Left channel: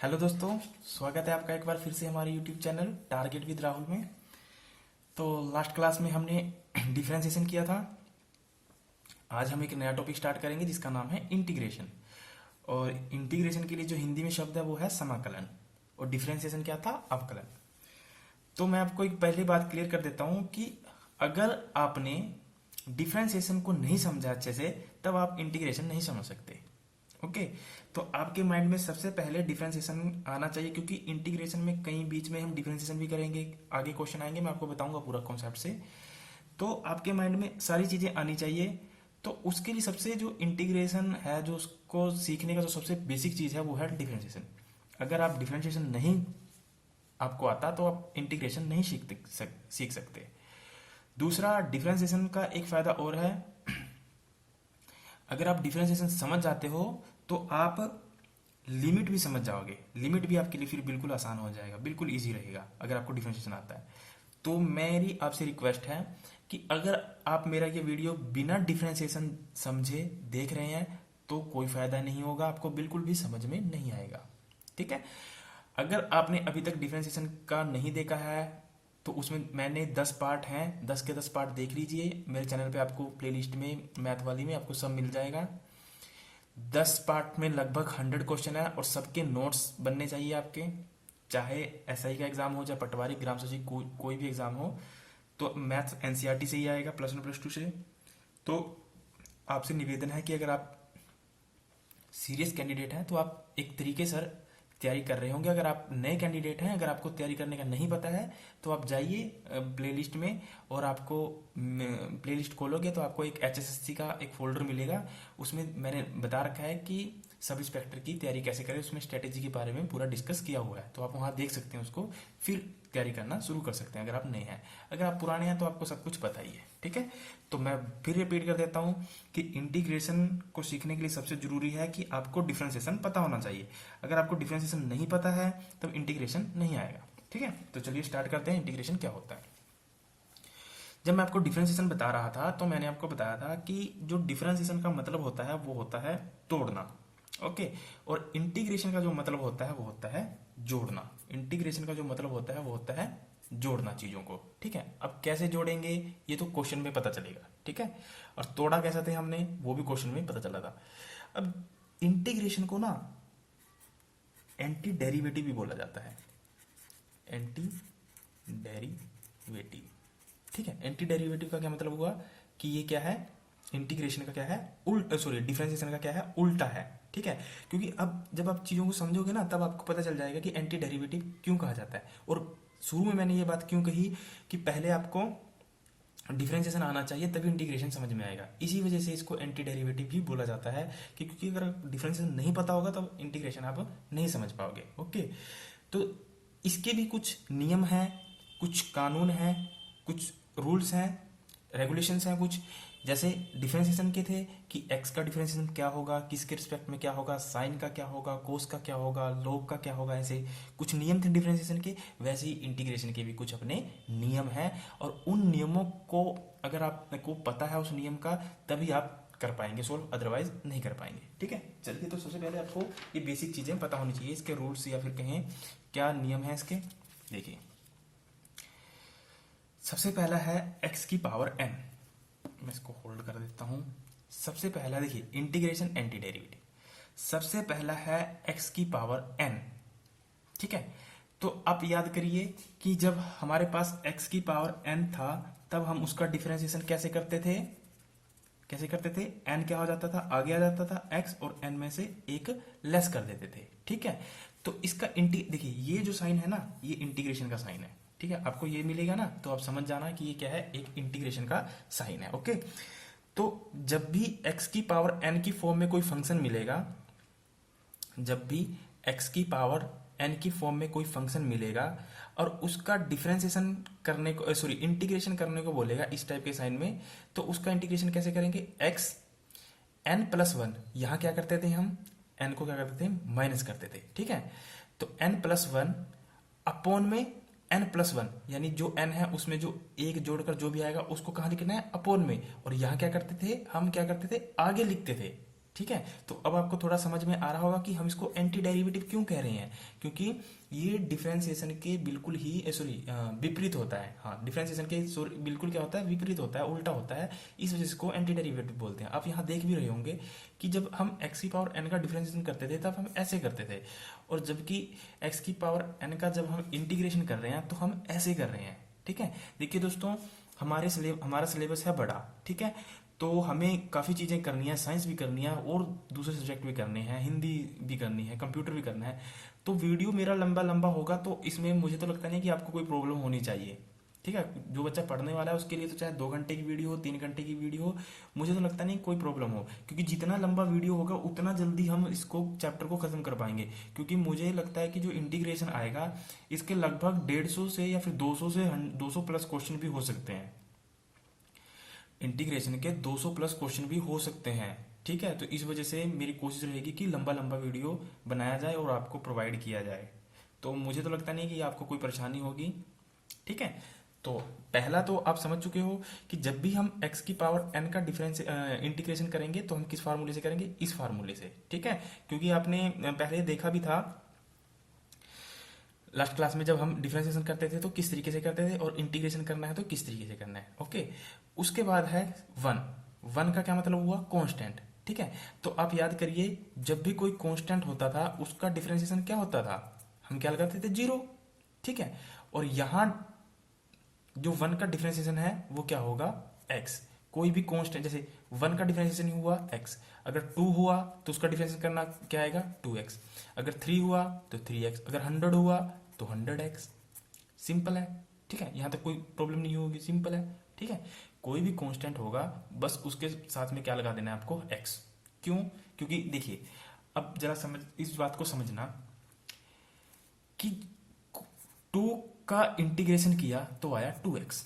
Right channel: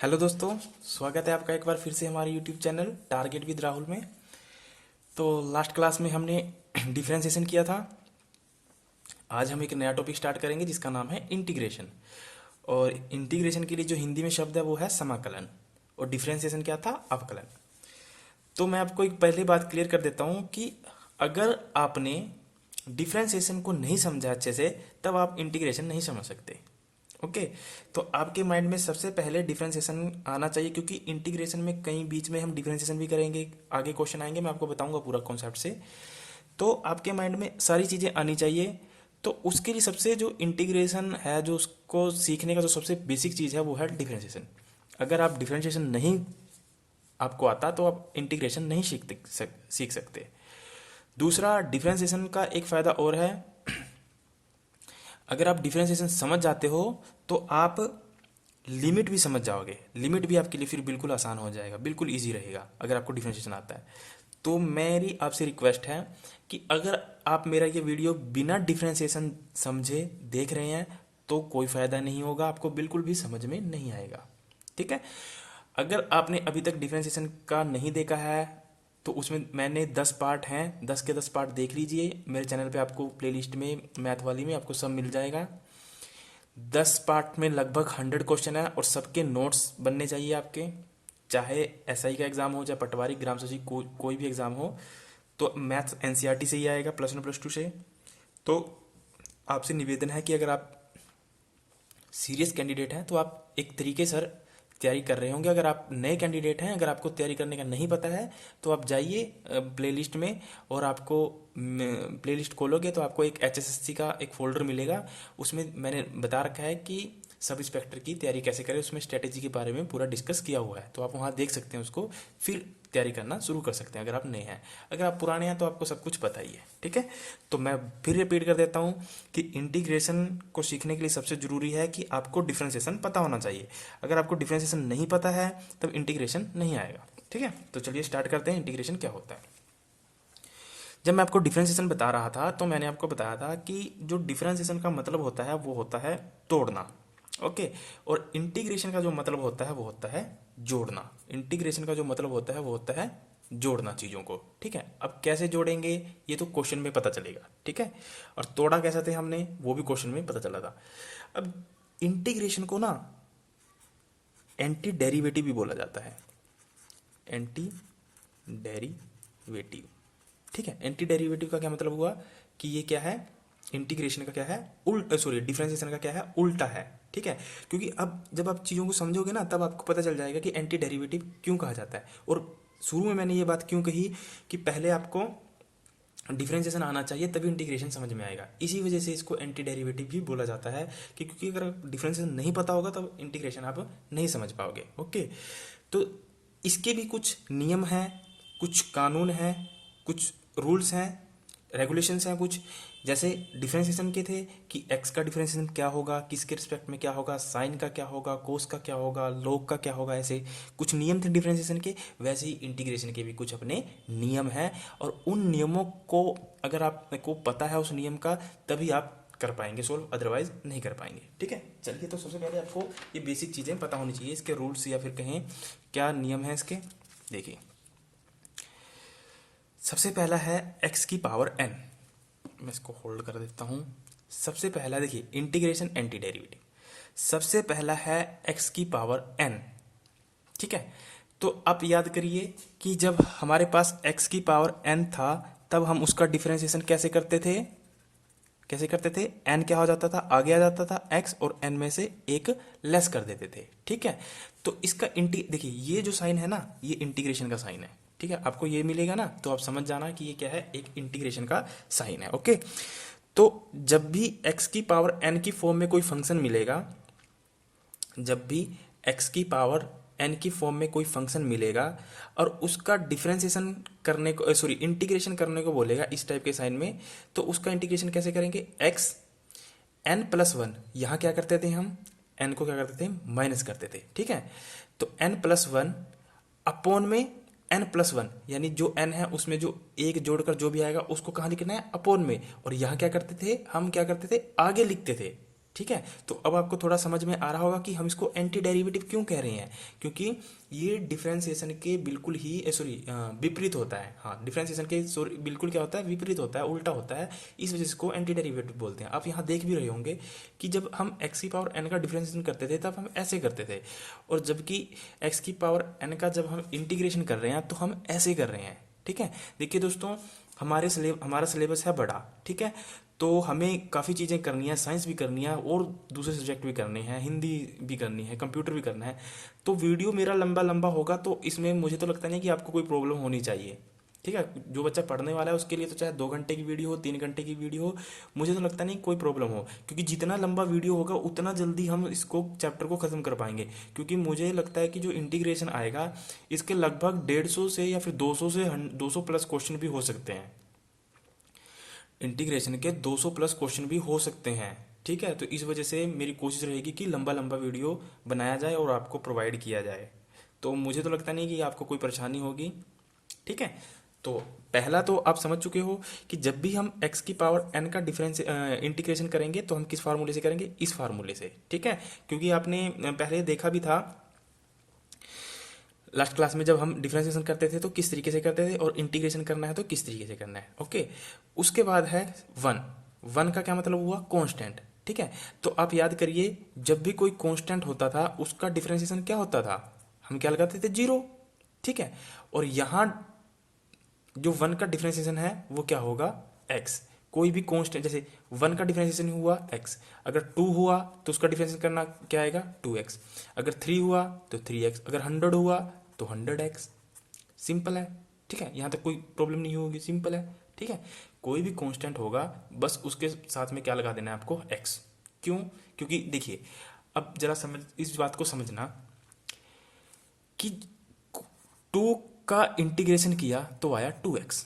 Hello दोस्तों, स्वागत है आपका एक बार फिर से हमारे YouTube channel target with Rahul में। तो लास्ट क्लास में हमने डिफरेंशिएशन किया था। आज हम एक नया टॉपिक स्टार्ट करेंगे जिसका नाम है इंटीग्रेशन। और इंटीग्रेशन के लिए जो हिंदी में शब्द है वो है समाकलन, और डिफरेंशिएशन क्या था, अवकलन। तो मैं आपको एक पहली बात क्लियर कर देता हूँ कि अगर आपने डिफरेंशिएशन को नहीं समझा अच्छे से, तब आप इंटीग्रेशन नहीं समझ सकते। ओके। तो आपके माइंड में सबसे पहले डिफरेंशिएशन आना चाहिए, क्योंकि इंटीग्रेशन में कहीं बीच में हम डिफरेंशिएशन भी करेंगे, आगे क्वेश्चन आएंगे, मैं आपको बताऊंगा पूरा कॉन्सेप्ट से। तो आपके माइंड में सारी चीज़ें आनी चाहिए। तो उसके लिए सबसे जो इंटीग्रेशन है, जो उसको सीखने का जो सबसे बेसिक चीज़ है वो है डिफरेंशिएशन। अगर आप डिफरेंशिएशन नहीं आपको आता तो आप इंटीग्रेशन नहीं सीख सकते। दूसरा, डिफरेंशिएशन का एक फ़ायदा और है। अगर आप डिफरेंशिएशन समझ जाते हो तो आप लिमिट भी समझ जाओगे। लिमिट भी आपके लिए फिर बिल्कुल आसान हो जाएगा, बिल्कुल इजी रहेगा अगर आपको डिफरेंशिएशन आता है। तो मेरी आपसे रिक्वेस्ट है कि अगर आप मेरा ये वीडियो बिना डिफरेंशिएशन समझे देख रहे हैं तो कोई फ़ायदा नहीं होगा, आपको बिल्कुल भी समझ में नहीं आएगा। ठीक है। अगर आपने अभी तक डिफरेंशिएशन का नहीं देखा है तो उसमें मैंने 10 पार्ट हैं, 10 के 10 पार्ट देख लीजिए। मेरे चैनल पे आपको प्लेलिस्ट में, मैथ वाली में आपको सब मिल जाएगा। 10 पार्ट में लगभग 100 क्वेश्चन है और सबके नोट्स बनने चाहिए आपके। चाहे एसआई का एग्जाम हो, चाहे पटवारी, ग्राम सचिव, कोई भी एग्जाम हो, तो मैथ्स एनसीईआरटी से ही आएगा, +1 +2 से। तो आपसे निवेदन है कि अगर आप सीरियस कैंडिडेट हैं तो आप एक तरीके सर तैयारी कर रहे होंगे। अगर आप नए कैंडिडेट हैं, अगर आपको तैयारी करने का नहीं पता है, तो आप जाइए प्लेलिस्ट में, और आपको प्लेलिस्ट खोलोगे तो आपको एक एचएसएससी का एक फोल्डर मिलेगा। उसमें मैंने बता रखा है कि सब इंस्पेक्टर की तैयारी कैसे करें, उसमें स्ट्रेटेजी के बारे में पूरा डिस्कस किया हुआ है। तो आप वहाँ देख सकते हैं उसको, फिर तैयारी करना शुरू कर सकते हैं अगर आप नए हैं। अगर आप पुराने हैं तो आपको सब कुछ पता ही है। ठीक है। तो मैं फिर रिपीट कर देता हूँ कि इंटीग्रेशन को सीखने के लिए सबसे जरूरी है कि आपको डिफरेंशिएशन पता होना चाहिए। अगर आपको डिफरेंशिएशन नहीं पता है तब इंटीग्रेशन नहीं आएगा। ठीक है। तो चलिए स्टार्ट करते हैं, इंटीग्रेशन क्या होता है। जब मैं आपको डिफरेंशिएशन बता रहा था तो मैंने आपको बताया था कि जो डिफरेंशिएशन का मतलब होता है वो होता है तोड़ना। ओके। और इंटीग्रेशन का जो मतलब होता है वो होता है जोड़ना। इंटीग्रेशन का जो मतलब होता है वो होता है जोड़ना चीज़ों को। ठीक है। अब कैसे जोड़ेंगे ये तो क्वेश्चन में पता चलेगा। ठीक है। और तोड़ा कैसे थे हमने वो भी क्वेश्चन में पता चला था। अब इंटीग्रेशन को ना एंटी डेरिवेटिव भी बोला जाता है। Anti derivative. ठीक है। एंटी डेरिवेटिव का क्या मतलब हुआ कि ये क्या है, इंटीग्रेशन का क्या है, सॉरी डिफरेंशिएशन का क्या है, उल्टा है। ठीक है। क्योंकि अब जब आप चीज़ों को समझोगे ना तब आपको पता चल जाएगा कि एंटी डेरिवेटिव क्यों कहा जाता है। और शुरू में मैंने ये बात क्यों कही कि पहले आपको डिफरेंशिएशन आना चाहिए तभी इंटीग्रेशन समझ में आएगा। इसी वजह से इसको एंटी डेरिवेटिव भी बोला जाता है कि क्योंकि अगर डिफरेंशिएशन नहीं पता होगा तब इंटीग्रेशन आप नहीं समझ पाओगे। ओके। तो इसके भी कुछ नियम हैं, कुछ कानून हैं, कुछ रूल्स हैं, रेगुलेशंस हैं कुछ। जैसे डिफरेंशिएशन के थे कि एक्स का डिफरेंशिएशन क्या होगा, किसके रिस्पेक्ट में क्या होगा, साइन का क्या होगा, कोस का क्या होगा, लॉग का क्या होगा, ऐसे कुछ नियम थे डिफरेंशिएशन के। वैसे ही इंटीग्रेशन के भी कुछ अपने नियम हैं, और उन नियमों को अगर आपको पता है उस नियम का, तभी आप कर पाएंगे सोल्व, अदरवाइज नहीं कर पाएंगे। ठीक है। चलिए, तो सबसे पहले आपको ये बेसिक चीज़ें पता होनी चाहिए, इसके रूल्स या फिर कहें क्या नियम है इसके। देखिए, सबसे पहला है एक्स की पावर एन। मैं इसको होल्ड कर देता हूं। सबसे पहला देखिए इंटीग्रेशन एंटी डेरिवेटिव, सबसे पहला है एक्स की पावर एन। ठीक है। तो आप याद करिए कि जब हमारे पास एक्स की पावर एन था तब हम उसका डिफरेंशिएशन कैसे करते थे, कैसे करते थे, एन क्या हो जाता था, आगे आ जाता था एक्स, और एन में से एक लेस कर देते थे। ठीक है। तो इसका देखिए ये जो साइन है ना, ये इंटीग्रेशन का साइन है। ठीक है। आपको ये मिलेगा ना तो आप समझ जाना कि ये क्या है, एक इंटीग्रेशन का साइन है। ओके। तो जब भी एक्स की पावर एन की फॉर्म में कोई फंक्शन मिलेगा, जब भी एक्स की पावर एन की फॉर्म में कोई फंक्शन मिलेगा और उसका डिफरेंशिएशन करने को, सॉरी इंटीग्रेशन करने को बोलेगा इस टाइप के साइन में, तो उसका इंटीग्रेशन कैसे करेंगे, एक्स n+1, यहाँ क्या करते थे हम, n को क्या करते थे, माइनस करते थे। ठीक है। तो n+1 अपॉन में n+1, यानी जो n है उसमें जो एक जोड़कर जो भी आएगा उसको कहाँ लिखना है, अपॉन में। और यहाँ क्या करते थे हम, क्या करते थे, आगे लिखते थे। ठीक है। तो अब आपको थोड़ा समझ में आ रहा होगा कि हम इसको एंटी डेरिवेटिव क्यों कह रहे हैं, क्योंकि ये डिफरेंशिएशन के बिल्कुल ही सॉरी विपरीत होता है। हाँ, डिफरेंशिएशन के सॉरी बिल्कुल क्या होता है, विपरीत होता है, उल्टा होता है। इस वजह से इसको एंटी डेरिवेटिव बोलते हैं। आप यहाँ देख भी रहे होंगे कि जब हम एक्स की पावर एन का डिफरेंशिएशन करते थे तब हम ऐसे करते थे, और जबकि एक्स की पावर एन का जब हम इंटीग्रेशन कर रहे हैं तो हम ऐसे कर रहे हैं। ठीक है। देखिए दोस्तों, हमारा सिलेबस है बड़ा, ठीक है। तो हमें काफ़ी चीज़ें करनी है, साइंस भी करनी है और दूसरे सब्जेक्ट भी करने हैं, हिंदी भी करनी है, कंप्यूटर भी करना है। तो वीडियो मेरा लंबा लंबा होगा, तो इसमें मुझे तो लगता नहीं कि आपको कोई प्रॉब्लम होनी चाहिए। ठीक है। जो बच्चा पढ़ने वाला है उसके लिए तो चाहे 2 घंटे की वीडियो हो, 3 घंटे की वीडियो हो, मुझे तो लगता नहीं कोई प्रॉब्लम हो, क्योंकि जितना लंबा वीडियो होगा उतना जल्दी हम इसको चैप्टर को ख़त्म कर पाएंगे। क्योंकि मुझे लगता है कि जो इंटीग्रेशन आएगा इसके लगभग 150 से या फिर 200 से 200 प्लस क्वेश्चन भी हो सकते हैं। इंटीग्रेशन के 200 प्लस क्वेश्चन भी हो सकते हैं। ठीक है। तो इस वजह से मेरी कोशिश रहेगी कि लंबा लंबा वीडियो बनाया जाए और आपको प्रोवाइड किया जाए। तो मुझे तो लगता नहीं कि आपको कोई परेशानी होगी। ठीक है। तो पहला तो आप समझ चुके हो कि जब भी हम x की पावर n का डिफरेंस इंटीग्रेशन करेंगे तो हम किस फार्मूले से करेंगे, इस फार्मूले से। ठीक है। क्योंकि आपने पहले देखा भी था लास्ट क्लास में, जब हम डिफरेंशिएशन करते थे तो किस तरीके से करते थे, और इंटीग्रेशन करना है तो किस तरीके से करना है। ओके। उसके बाद है वन। वन का क्या मतलब हुआ, कांस्टेंट। ठीक है। तो आप याद करिए, जब भी कोई कांस्टेंट होता था उसका डिफरेंशिएशन क्या होता था, हम क्या लगाते थे, जीरो। ठीक है। और यहाँ जो वन का डिफरेंशिएशन है वो क्या होगा, एक्स। कोई भी कांस्टेंट, जैसे वन का डिफरेंशिएशन हुआ एक्स, अगर टू हुआ तो उसका डिफरेंशिएशन करना क्या आएगा, 2x। अगर 3 हुआ तो 3x, अगर 100 हुआ तो 100x। सिंपल है। ठीक है। यहाँ तक कोई प्रॉब्लम नहीं होगी, सिंपल है। ठीक है। कोई भी कांस्टेंट होगा बस उसके साथ में क्या लगा देना है आपको, x। क्यों, क्योंकि देखिए, अब जरा समझ, इस बात को समझना कि 2 का इंटीग्रेशन किया तो आया 2x।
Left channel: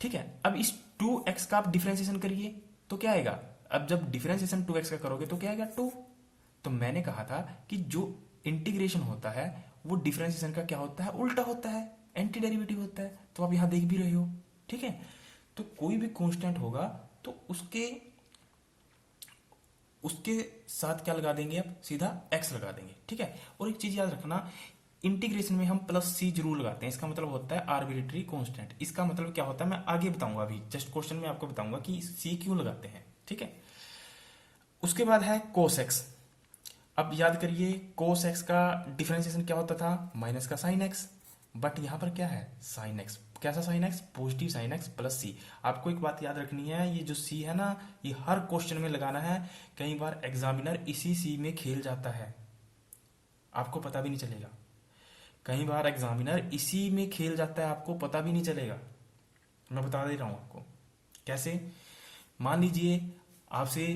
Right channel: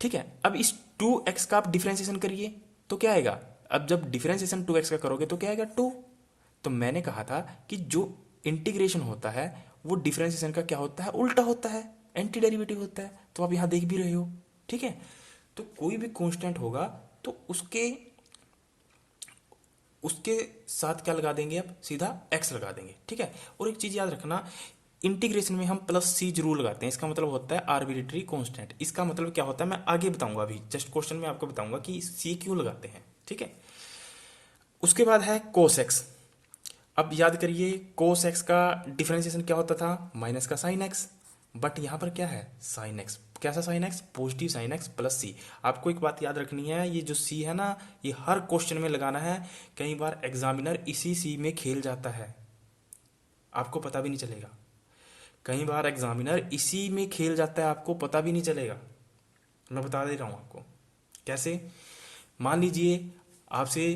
ठीक है। अब इस 2x का आप डिफरेंशिएशन करिए तो क्या आएगा, अब जब डिफरेंशिएशन 2x का करोगे तो क्या आएगा, 2। तो मैंने कहा था कि जो इंटीग्रेशन होता है वो डिफरेंशिएशन का क्या होता है, उल्टा होता है, एंटी डेरिवेटिव होता है। तो आप यहां देख भी रहे हो। ठीक है। तो कोई भी कांस्टेंट होगा तो उसके उसके साथ क्या लगा देंगे, आप सीधा x लगा देंगे। ठीक है। और एक चीज याद रखना, इंटीग्रेशन में हम प्लस सी जरूर लगाते हैं, इसका मतलब होता है आर्बिट्रेरी कांस्टेंट। इसका मतलब क्या होता है मैं आगे बताऊंगा, अभी जस्ट क्वेश्चन में आपको बताऊंगा कि सी क्यों लगाते हैं। ठीक है। उसके बाद है कोस एक्स। अब याद करिए, कोस एक्स का डिफरेंशिएशन क्या होता था, माइनस का साइन एक्स। बट यहां पर क्या है, साइन एक्स। कैसा sine X, positive sine X plus C. आपको एक बात याद रखनी है, ये जो सी है ना, ये हर क्वेश्चन में लगाना है। कई बार एग्जामिनर इसी सी में खेल जाता है, आपको पता भी नहीं चलेगा। कई बार एग्जामिनर इसी में खेल जाता है, आपको पता भी नहीं चलेगा। मैं बता दे रहा हूं आपको कैसे। मान लीजिए आपसे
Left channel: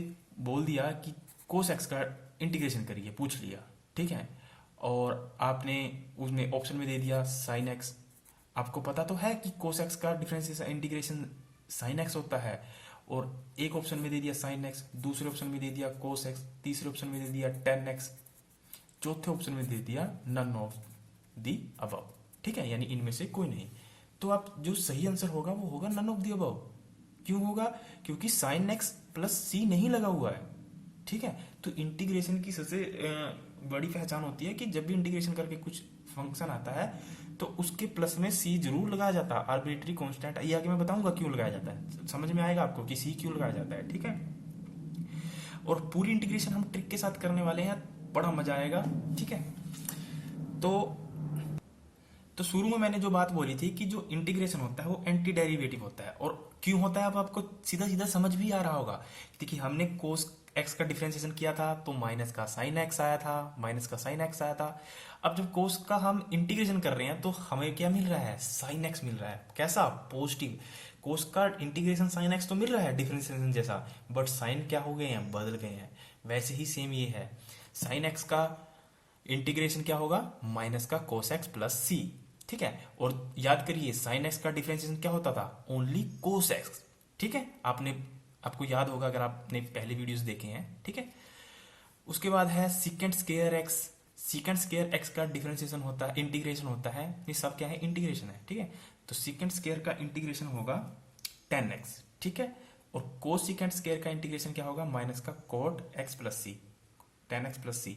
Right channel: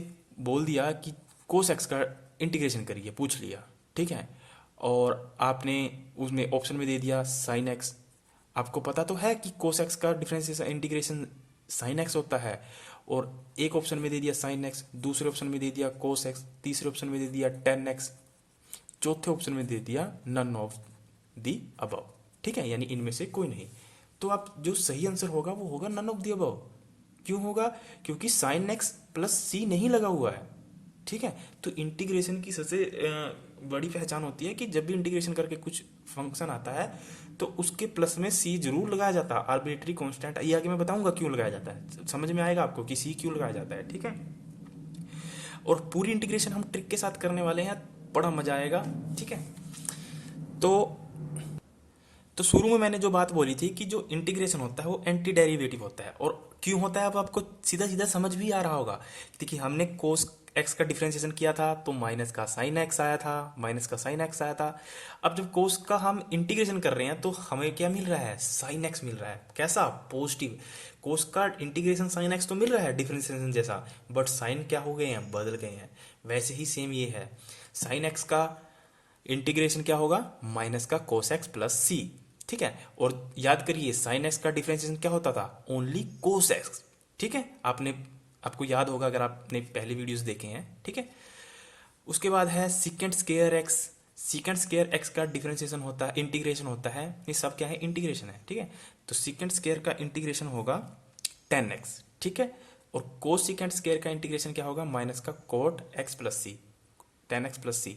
बोल दिया कि कोस एक्स का इंटीग्रेशन करिए, पूछ लिया। ठीक है। और आपने उसमें ऑप्शन में दे दिया साइन एक्स। आपको पता तो है कि कोस एक्स का डिफरेंशिएशन इंटीग्रेशन साइन एक्स होता है। और एक ऑप्शन में दे दिया साइन एक्स, दूसरे ऑप्शन में दे दिया कोस एक्स, तीसरे ऑप्शन में दे दिया टेन एक्स, चौथे ऑप्शन में दे दिया नन ऑफ दी अबव। ठीक है। यानी इनमें से कोई नहीं। तो आप जो सही आंसर होगा वो होगा नन ऑफ दी अबव। क्यों होगा, क्योंकि साइन एक्स प्लस सी नहीं लगा हुआ है। ठीक है। तो इंटीग्रेशन की सबसे बड़ी पहचान होती है कि जब भी इंटीग्रेशन करके कुछ फंक्शन आता है तो उसके प्लस में सी जरूर लगाया जाता है, आर्बिट्रेरी कांस्टेंट। ये आगे मैं बताऊंगा क्यों लगाया जाता है, समझ में आएगा आपको कि सी क्यों लगाया जाता है। ठीक है। और पूरी इंटीग्रेशन हम ट्रिक के साथ करने वाले हैं, बड़ा मजा आएगा। ठीक है। तो शुरू में मैंने जो बात बोली थी कि जो इंटीग्रेशन होता है वो एंटी डेरिवेटिव होता है। और क्यों होता है, अब आपको सीधा सीधा समझ भी आ रहा होगा। देखिए, हमने कोस एक्स का डिफरेंशिएशन किया था तो माइनस का साइन एक्स आया था, माइनस का साइन एक्स आया था। अब जब कोस का हम इंटीग्रेशन कर रहे हैं तो हमें क्या मिल रहा है, साइन एक्स मिल रहा है। कैसा, पॉजिटिव। कोस का इंटीग्रेशन साइन एक्स तो मिल रहा है डिफरेंशिएशन जैसा, बट साइन क्या हो गए हैं, बदल गए हैं। वैसे ही सेम ये है, साइन एक्स का इंटीग्रेशन क्या होगा, माइनस का कोस एक्स प्लस सी। ठीक है। और याद करिए, साइन एक्स का डिफरेंशिएशन क्या होता था, ओनली कोस एक्स। ठीक है। आपको याद होगा अगर आपने पहले वीडियोस देखे हैं। ठीक है। उसके बाद है secant square x. Secant square x का डिफरेंशिएशन होता है, इंटीग्रेशन होता है। ये सब क्या है, इंटीग्रेशन है। ठीक है। तो सीकेंट स्क्वायर का इंटीग्रेशन होगा 10x। ठीक है। और कोस सीकेंट स्क्वायर का इंटीग्रेशन क्या होगा, माइनस का कोट एक्स प्लस सी, टेन एक्स प्लस सी।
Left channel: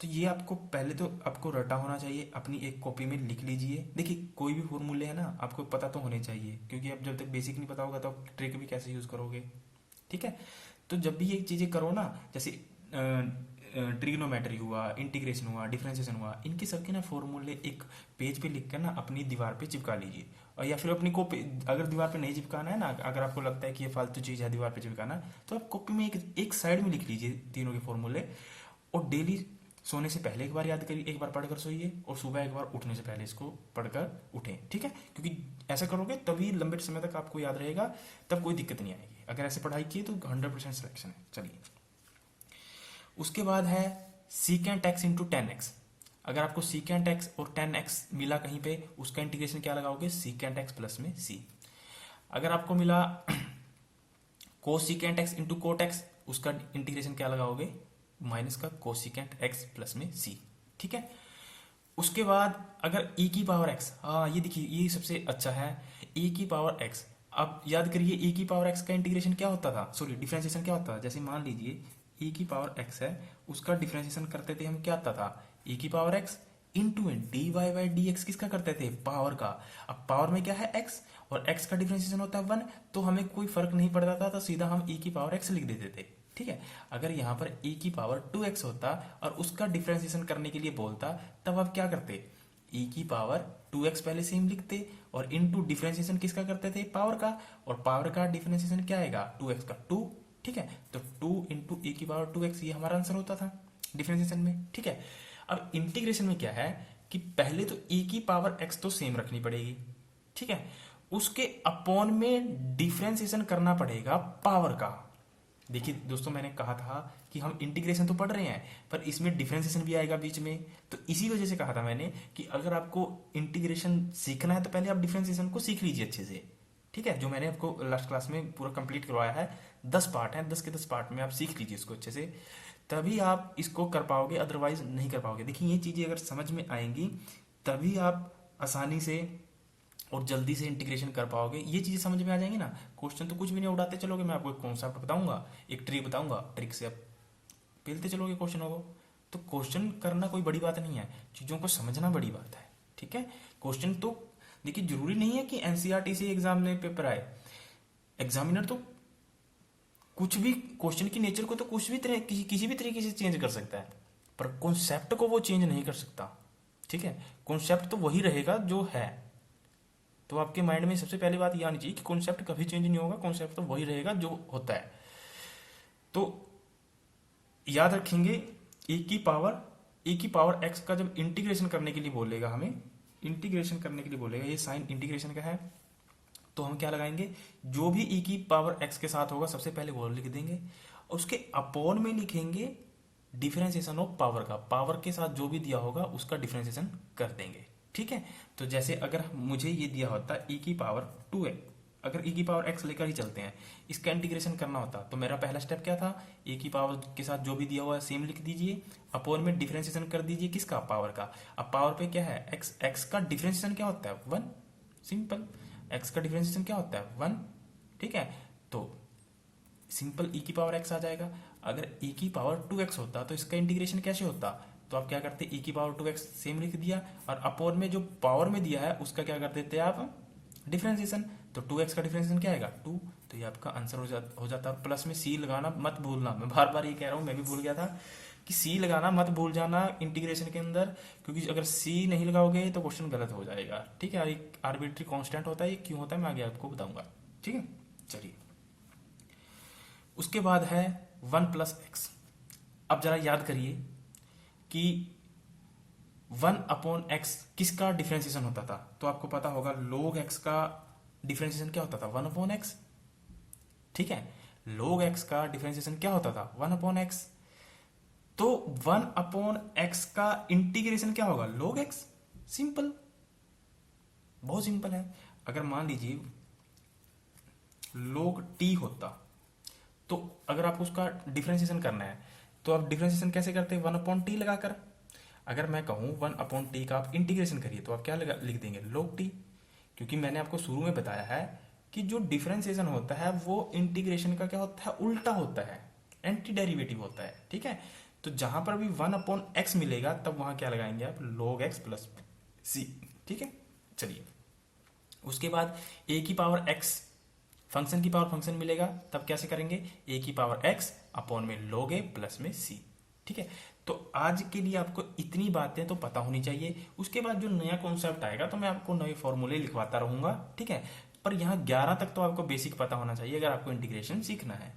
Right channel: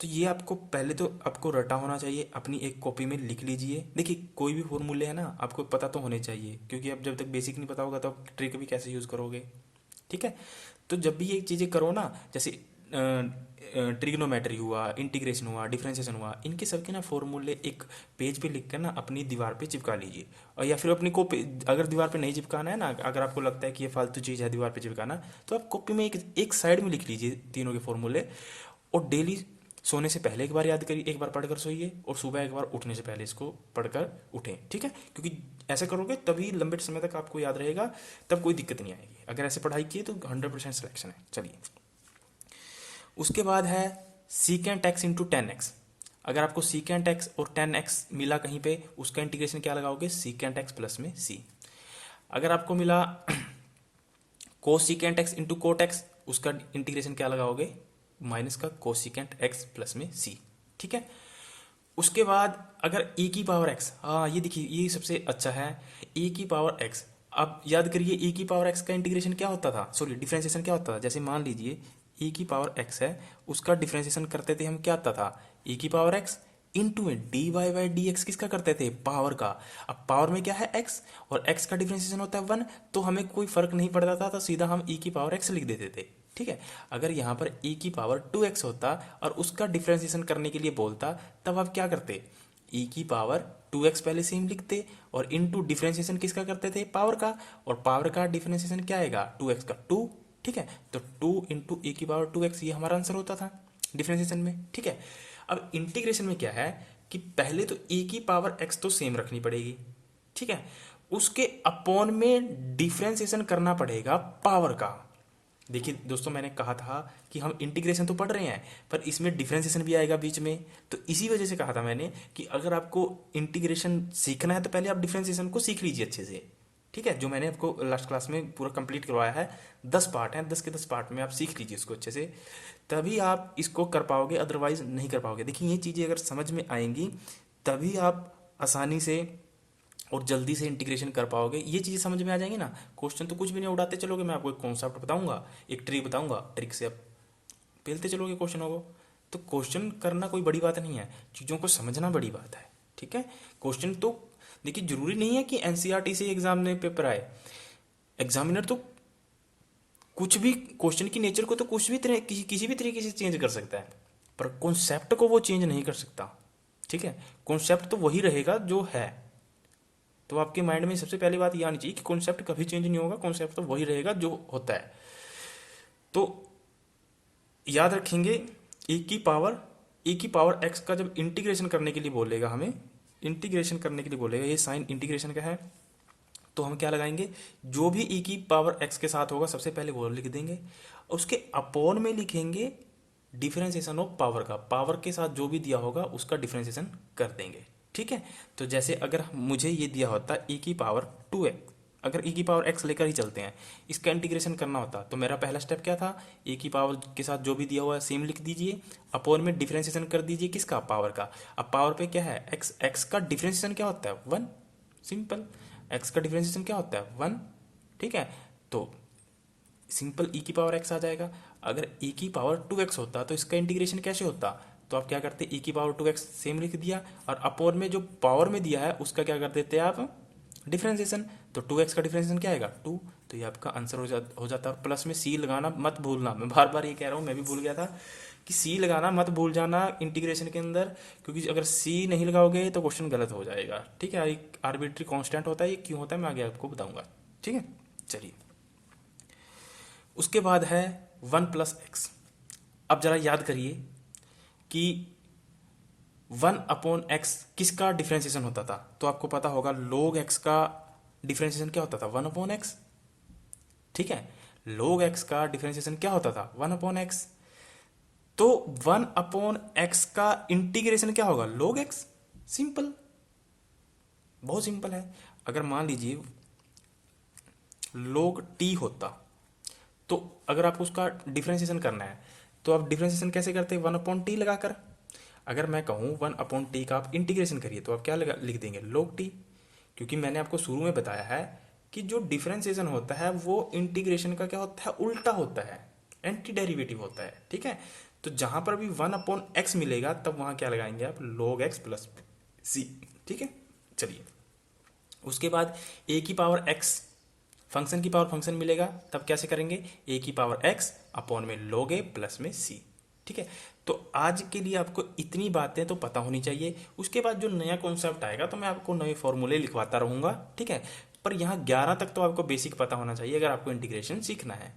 तो ये आपको पहले तो आपको रटा होना चाहिए, अपनी एक कॉपी में लिख लीजिए। देखिए कोई भी फॉर्मूले है ना आपको पता तो होने चाहिए, क्योंकि अब जब तक बेसिक नहीं पता होगा तो आप ट्रिक भी कैसे यूज़ करोगे। ठीक है, तो जब भी ये चीज़ें करो ना, जैसे ट्रिग्नोमेट्री हुआ, इंटीग्रेशन हुआ, डिफरेंशिएशन हुआ, इनके सबके ना फॉर्मूले एक पेज पे लिख कर ना अपनी दीवार पे चिपका लीजिए। और या फिर अपनी कॉपी, अगर दीवार पे नहीं चिपकाना है ना, अगर आपको लगता है कि ये फालतू चीज़ है दीवार पे चिपकाना, तो आप कॉपी में एक साइड में लिख लीजिए तीनों के फॉर्मूले। और डेली सोने से पहले एक बार याद करिए, एक बार पढ़कर सोइए, और सुबह एक बार उठने से पहले इसको पढ़कर उठें। ठीक है, क्योंकि ऐसा करोगे तभी लंबे समय तक आपको याद रहेगा, तब कोई दिक्कत नहीं आएगी। अगर ऐसे पढ़ाई की तो 100% सिलेक्शन है। चलिए, उसके बाद है secant x into ten x. अगर आपको सीकेंट एक्स और टेन एक्स मिला कहीं पे, उसका इंटीग्रेशन क्या लगाओगे, सीकेंट एक्स प्लस में सी। अगर आपको मिला cosecant x into cot x, उसका इंटीग्रेशन क्या लगाओगे, माइनस का कोसिकेंट एक्स प्लस में सी। ठीक है, उसके बाद अगर e की पावर x, हाँ ये देखिए ये सबसे अच्छा है, e की पावर x। अब याद करिए e की पावर x का इंटीग्रेशन क्या होता था, सॉरी डिफरेंशिएशन क्या होता था। जैसे मान लीजिए e की पावर x है, उसका डिफरेंशिएशन करते थे हम, क्या आता था, e की पावर x इंटू में D Y by D X, किसका करते थे, पावर का। अब पावर में क्या है x, और x का डिफरेंशिएशन होता है 1, तो हमें कोई फर्क नहीं पड़ता था, तो सीधा हम e की पावर x लिख देते थे। ठीक है, अगर यहाँ पर e की पावर 2x होता और उसका डिफरेंशिएशन करने के लिए बोलता, तब आप क्या करते, e की पावर 2x पहले सेम लिखते, और इनटू डिफरेंशिएशन किसका करते थे, पावर का, और पावर का डिफरेंशिएशन क्या आएगा, 2x का 2। ठीक है, तो 2 इंटू e की पावर 2x, ये हमारा आंसर होता था डिफरेंशिएशन में। ठीक है, अब इंटीग्रेशन में क्या है कि पहले तो e की पावर x तो सेम रखनी पड़ेगी। ठीक है, उसके अपॉन में डिफरेंशिएशन करना पड़ेगा पावर का। देखिए दोस्तों, मैंने कहा था कि हम इंटीग्रेशन तो पढ़ रहे हैं, पर इसमें डिफरेंशिएशन भी आएगा बीच में, तो इसी वजह से कहा था मैंने कि अगर आपको इंटीग्रेशन सीखना है तो पहले आप डिफरेंशिएशन को सीख लीजिए अच्छे से। ठीक है, जो मैंने आपको लास्ट क्लास में पूरा कंप्लीट करवाया है, 10 पार्ट हैं, 10 के 10 पार्ट में आप सीख लीजिए इसको अच्छे से, तभी आप इसको कर पाओगे, अदरवाइज नहीं कर पाओगे। देखिए ये चीज़ें अगर समझ में आएंगी तभी आप आसानी से और जल्दी से इंटीग्रेशन कर पाओगे। ये चीज़ें समझ में आ जाएंगी ना, क्वेश्चन तो कुछ भी नहीं उड़ाते चलोगे, मैं आपको एक कॉन्सेप्ट बताऊंगा, एक ट्रिक बताऊंगा, ट्रिक से आप पेलते चलोगे क्वेश्चनों को। तो क्वेश्चन करना कोई बड़ी बात नहीं है, चीज़ों को समझना बड़ी बात है। ठीक है, क्वेश्चन तो देखिए जरूरी नहीं है कि एनसीईआरटी से एग्जाम में पेपर आए, एग्जामिनर तो कुछ भी क्वेश्चन की नेचर को तो कुछ भी तरह किसी भी तरीके से चेंज कर सकता है, पर कॉन्सेप्ट को वो चेंज नहीं कर सकता। ठीक है, कॉन्सेप्ट तो वही रहेगा जो है। तो आपके माइंड में सबसे पहली बात ये आनी चाहिए कि कॉन्सेप्ट कभी चेंज नहीं होगा, कॉन्सेप्ट तो वही रहेगा जो होता है। तो याद रखेंगे e की पावर x का जब इंटीग्रेशन करने के लिए बोलेगा, हमें इंटीग्रेशन करने के लिए बोलेगा, ये साइन इंटीग्रेशन का है, तो हम क्या लगाएंगे, जो भी e की पावर x के साथ होगा सबसे पहले वो लिख देंगे, उसके अपॉन में लिखेंगे डिफरेंशिएशन ऑफ पावर का, पावर के साथ जो भी दिया होगा उसका डिफरेंशिएशन कर देंगे। ठीक है, तो जैसे अगर मुझे ये दिया होता e की पावर 2x, अगर e की पावर x लेकर ही चलते हैं, इसका इंटीग्रेशन करना होता, तो मेरा पहला स्टेप क्या था, e की पावर के साथ जो भी दिया हुआ है सेम लिख दीजिए, अपॉन में डिफरेंशिएशन कर दीजिए किसका, पावर का। अब पावर पे क्या है x का डिफरेंशिएशन क्या होता है 1, सिंपल, x का डिफरेंशिएशन क्या होता है 1। ठीक है, तो सिंपल e की पावर x आ जाएगा। अगर e की पावर 2x होता तो इसका इंटीग्रेशन कैसे होता, तो आप क्या करते, e की पावर 2x सेम लिख दिया, और अपॉन में जो पावर में दिया है उसका क्या कर देते हैं आप, डिफरेंशिएशन। तो 2x का डिफरेंशिएशन क्या आएगा 2, तो ये आपका आंसर हो जाता है। प्लस में c लगाना मत भूलना, मैं बार बार ये कह रहा हूँ, मैं भी भूल गया था कि c लगाना मत भूल जाना इंटीग्रेशन के अंदर, क्योंकि अगर c नहीं लगाओगे तो क्वेश्चन गलत हो जाएगा। ठीक है, एक आर्बिट्री कांस्टेंट होता है, ये क्यों होता है मैं आगे आपको बताऊंगा। ठीक है, चलिए उसके बाद है 1 प्लस एक्स। अब जरा याद करिए कि 1 अपॉन एक्स किसका डिफरेंशिएशन होता था, तो आपको पता होगा log x का डिफरेंशिएशन क्या होता था 1 अपॉन एक्स। ठीक है, log x का डिफरेंशिएशन क्या होता था 1 अपॉन एक्स, तो 1 अपॉन एक्स का इंटीग्रेशन क्या होगा log x, सिंपल, बहुत सिंपल है। अगर मान लीजिए log t होता, तो अगर आपको उसका डिफरेंशिएशन करना है तो आप डिफरेंशिएशन कैसे करते हैं 1 अपॉन टी लगाकर। अगर मैं कहूँ 1 अपॉन टी का आप इंटीग्रेशन करिए तो आप क्या लिख देंगे log t, क्योंकि मैंने आपको शुरू में बताया है कि जो डिफरेंशिएशन होता है वो इंटीग्रेशन का क्या होता है, उल्टा होता है, एंटी डेरिवेटिव होता है। ठीक है, तो जहां पर भी 1/x मिलेगा तब वहां क्या लगाएंगे आप, log x प्लस सी। ठीक है, चलिए उसके बाद a की पावर x, फंक्शन की पावर फंक्शन मिलेगा, तब कैसे करेंगे, a की पावर x अपॉन में log a प्लस में c। ठीक है, तो आज के लिए आपको इतनी बातें तो पता होनी चाहिए। उसके बाद जो नया कॉन्सेप्ट आएगा तो मैं आपको नए फॉर्मूले लिखवाता रहूंगा। ठीक है, पर यहाँ 11 तक तो आपको बेसिक पता होना चाहिए अगर आपको इंटीग्रेशन सीखना है,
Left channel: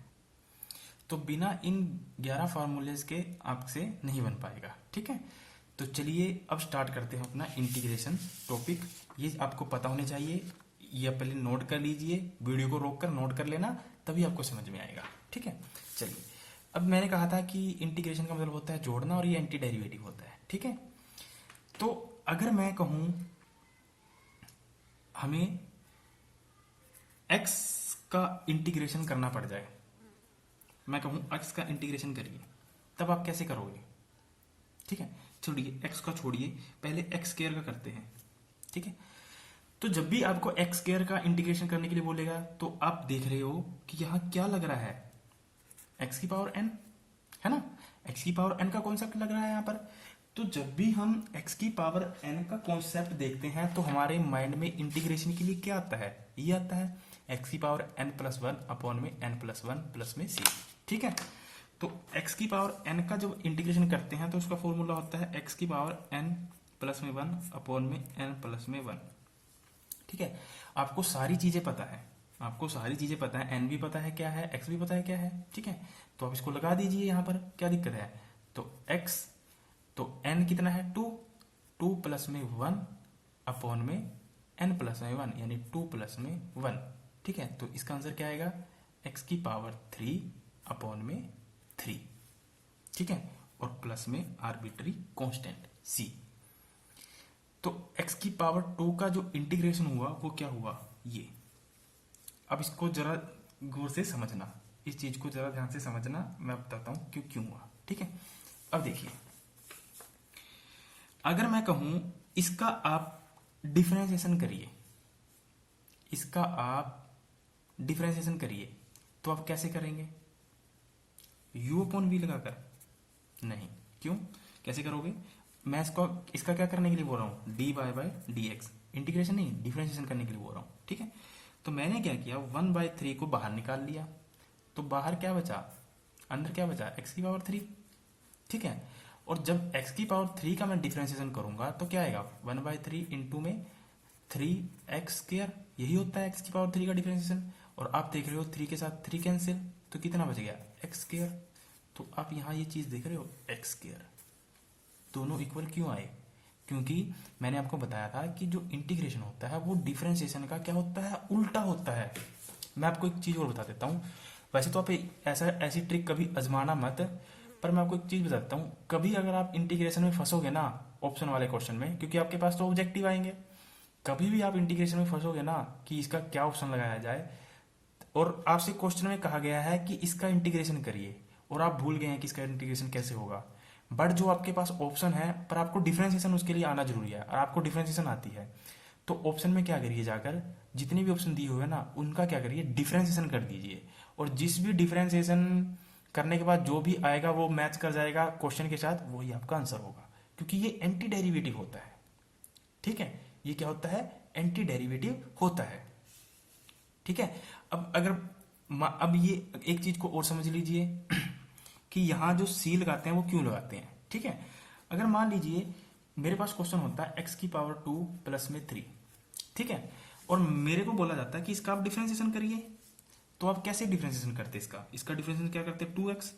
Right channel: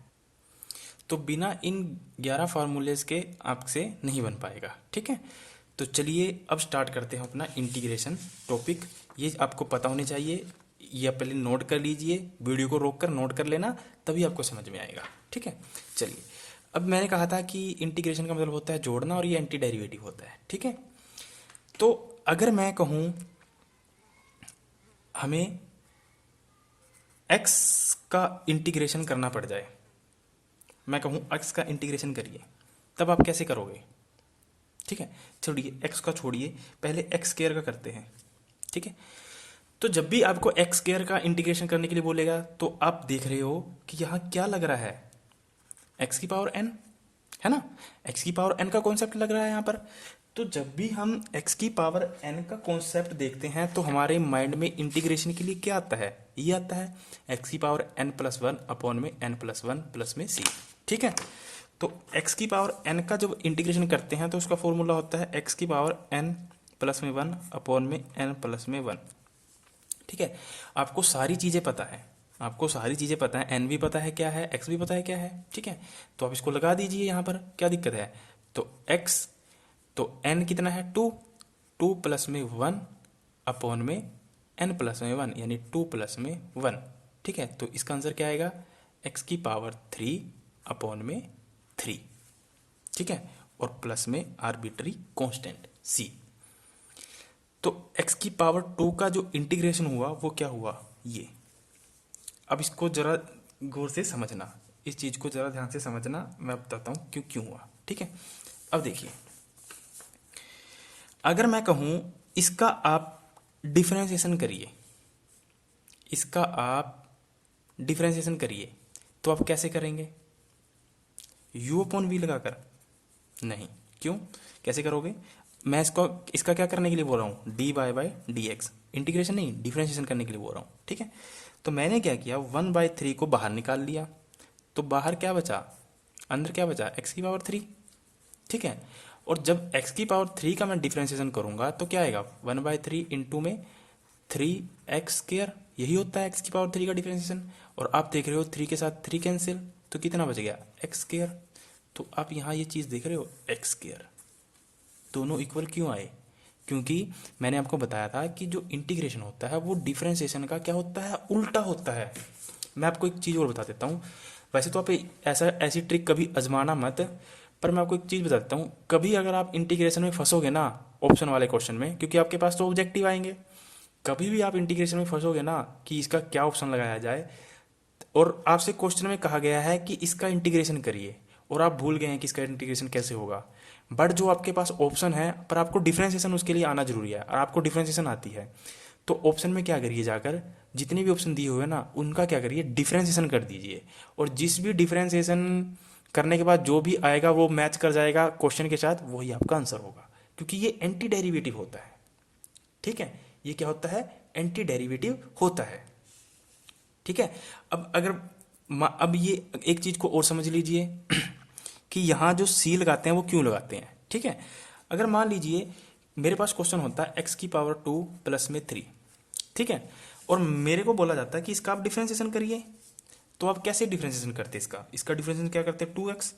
तो बिना इन 11 फार्मूलेज के आपसे नहीं बन पाएगा। ठीक है, तो चलिए अब स्टार्ट करते हैं अपना इंटीग्रेशन टॉपिक। ये आपको पता होने चाहिए, ये आप पहले नोट कर लीजिए, वीडियो को रोक कर नोट कर लेना, तभी आपको समझ में आएगा। ठीक है, चलिए अब मैंने कहा था कि इंटीग्रेशन का मतलब होता है जोड़ना और ये एंटी डेरिवेटिव होता है। ठीक है, तो अगर मैं कहूँ हमें x का इंटीग्रेशन करना पड़ जाए, मैं कहूँ x का इंटीग्रेशन करिए, तब आप कैसे करोगे। ठीक है, छोड़िए x का, छोड़िए पहले x स्क्वायर का करते हैं। ठीक है, तो जब भी आपको x स्क्वायर का इंटीग्रेशन करने के लिए बोलेगा तो आप देख रहे हो कि यहाँ क्या लग रहा है, x की पावर n, है ना, x की पावर n का कॉन्सेप्ट लग रहा है यहाँ पर। तो जब भी हम x की पावर n का कॉन्सेप्ट देखते हैं तो हमारे माइंड में इंटीग्रेशन के लिए क्या आता है, ये आता है x की power n plus one upon में n प्लस वन प्लस में c। ठीक है, तो x की पावर n का जब इंटीग्रेशन करते हैं तो उसका फॉर्मूला होता है x की पावर n प्लस में वन अपॉन में n प्लस में वन। ठीक है, आपको सारी चीज़ें पता है, आपको सारी चीज़ें पता है, n भी पता है क्या है, x भी पता है क्या है। ठीक है, तो आप इसको लगा दीजिए यहाँ पर, क्या दिक्कत है। तो x, तो n कितना है, 2, 2 प्लस में 1 अपॉन में n प्लस में 1 यानी 2 प्लस में 1। ठीक है, तो इसका आंसर क्या आएगा, x की पावर 3 अपॉन में 3। ठीक है, और प्लस में आर्बिट्री कांस्टेंट c। तो x की पावर 2 का जो इंटीग्रेशन हुआ वो क्या हुआ, ये। अब इसको जरा गौर से समझना, इस चीज को जरा ध्यान से समझना, मैं बताता हूं क्यों क्यों हुआ। ठीक है, अब देखिए अगर मैं कहूं इसका आप डिफरेंशिएशन करिए, इसका आप डिफरेंशिएशन करिए, तो आप कैसे करेंगे, u अपॉन वी लगाकर, नहीं, क्यों, कैसे करोगे, मैं इसको, इसका क्या करने के लिए बोल रहा हूँ, D Y by D X, integration नहीं डिफरेंशिएशन करने के लिए बोल रहा हूँ। ठीक है, तो मैंने क्या किया, 1/3 को बाहर निकाल लिया, तो बाहर क्या बचा, अंदर क्या बचा, x की पावर 3। ठीक है, और जब x की पावर 3 का मैं डिफरेंशिएशन करूंगा तो क्या आएगा, 1/3 इंटू में 3x², यही होता है x की पावर 3 का डिफरेंशिएशन। और आप देख रहे हो 3 के साथ 3 कैंसिल, तो कितना बच गया, x²। तो आप यहाँ ये चीज़ देख रहे हो, x², दोनों इक्वल क्यों आए, क्योंकि मैंने आपको बताया था कि जो इंटीग्रेशन होता है वो डिफरेंशिएशन का क्या होता है, उल्टा होता है। मैं आपको एक चीज़ और बता देता हूँ, वैसे तो आप ऐसी ट्रिक कभी आजमाना मत, पर मैं आपको एक चीज़ बता देता हूँ, कभी अगर आप इंटीग्रेशन में फंसोगे ना ऑप्शन वाले क्वेश्चन में, क्योंकि आपके पास तो ऑब्जेक्टिव आएंगे, कभी भी आप इंटीग्रेशन में फंसोगे ना कि इसका क्या ऑप्शन लगाया जाए, और आपसे क्वेश्चन में कहा गया है कि इसका इंटीग्रेशन करिए और आप भूल गए हैं कि इसका इंटीग्रेशन कैसे होगा, बट जो आपके पास ऑप्शन है पर आपको डिफरेंशिएशन उसके लिए आना जरूरी है, और आपको डिफरेंशिएशन आती है, तो ऑप्शन में क्या करिए, जाकर जितने भी ऑप्शन दिए हुए हैं ना उनका क्या करिए, डिफरेंशिएशन कर दीजिए, और जिस भी डिफरेंशिएशन करने के बाद जो भी आएगा वो मैच कर जाएगा क्वेश्चन के साथ, वही आपका आंसर होगा, क्योंकि ये एंटी डेरिवेटिव होता है। ठीक है, ये क्या होता है, एंटी डेरिवेटिव होता है। ठीक है, अब अगर अब ये एक चीज को और समझ लीजिए कि यहाँ जो सी लगाते हैं वो क्यों लगाते हैं। ठीक है, अगर मान लीजिए मेरे पास क्वेश्चन होता है x की पावर 2 प्लस में 3। ठीक है, और मेरे को बोला जाता है कि इसका आप डिफरेंशिएशन करिए, तो आप कैसे डिफरेंशिएशन करते हैं, इसका डिफरेंशिएशन क्या करते हैं, 2x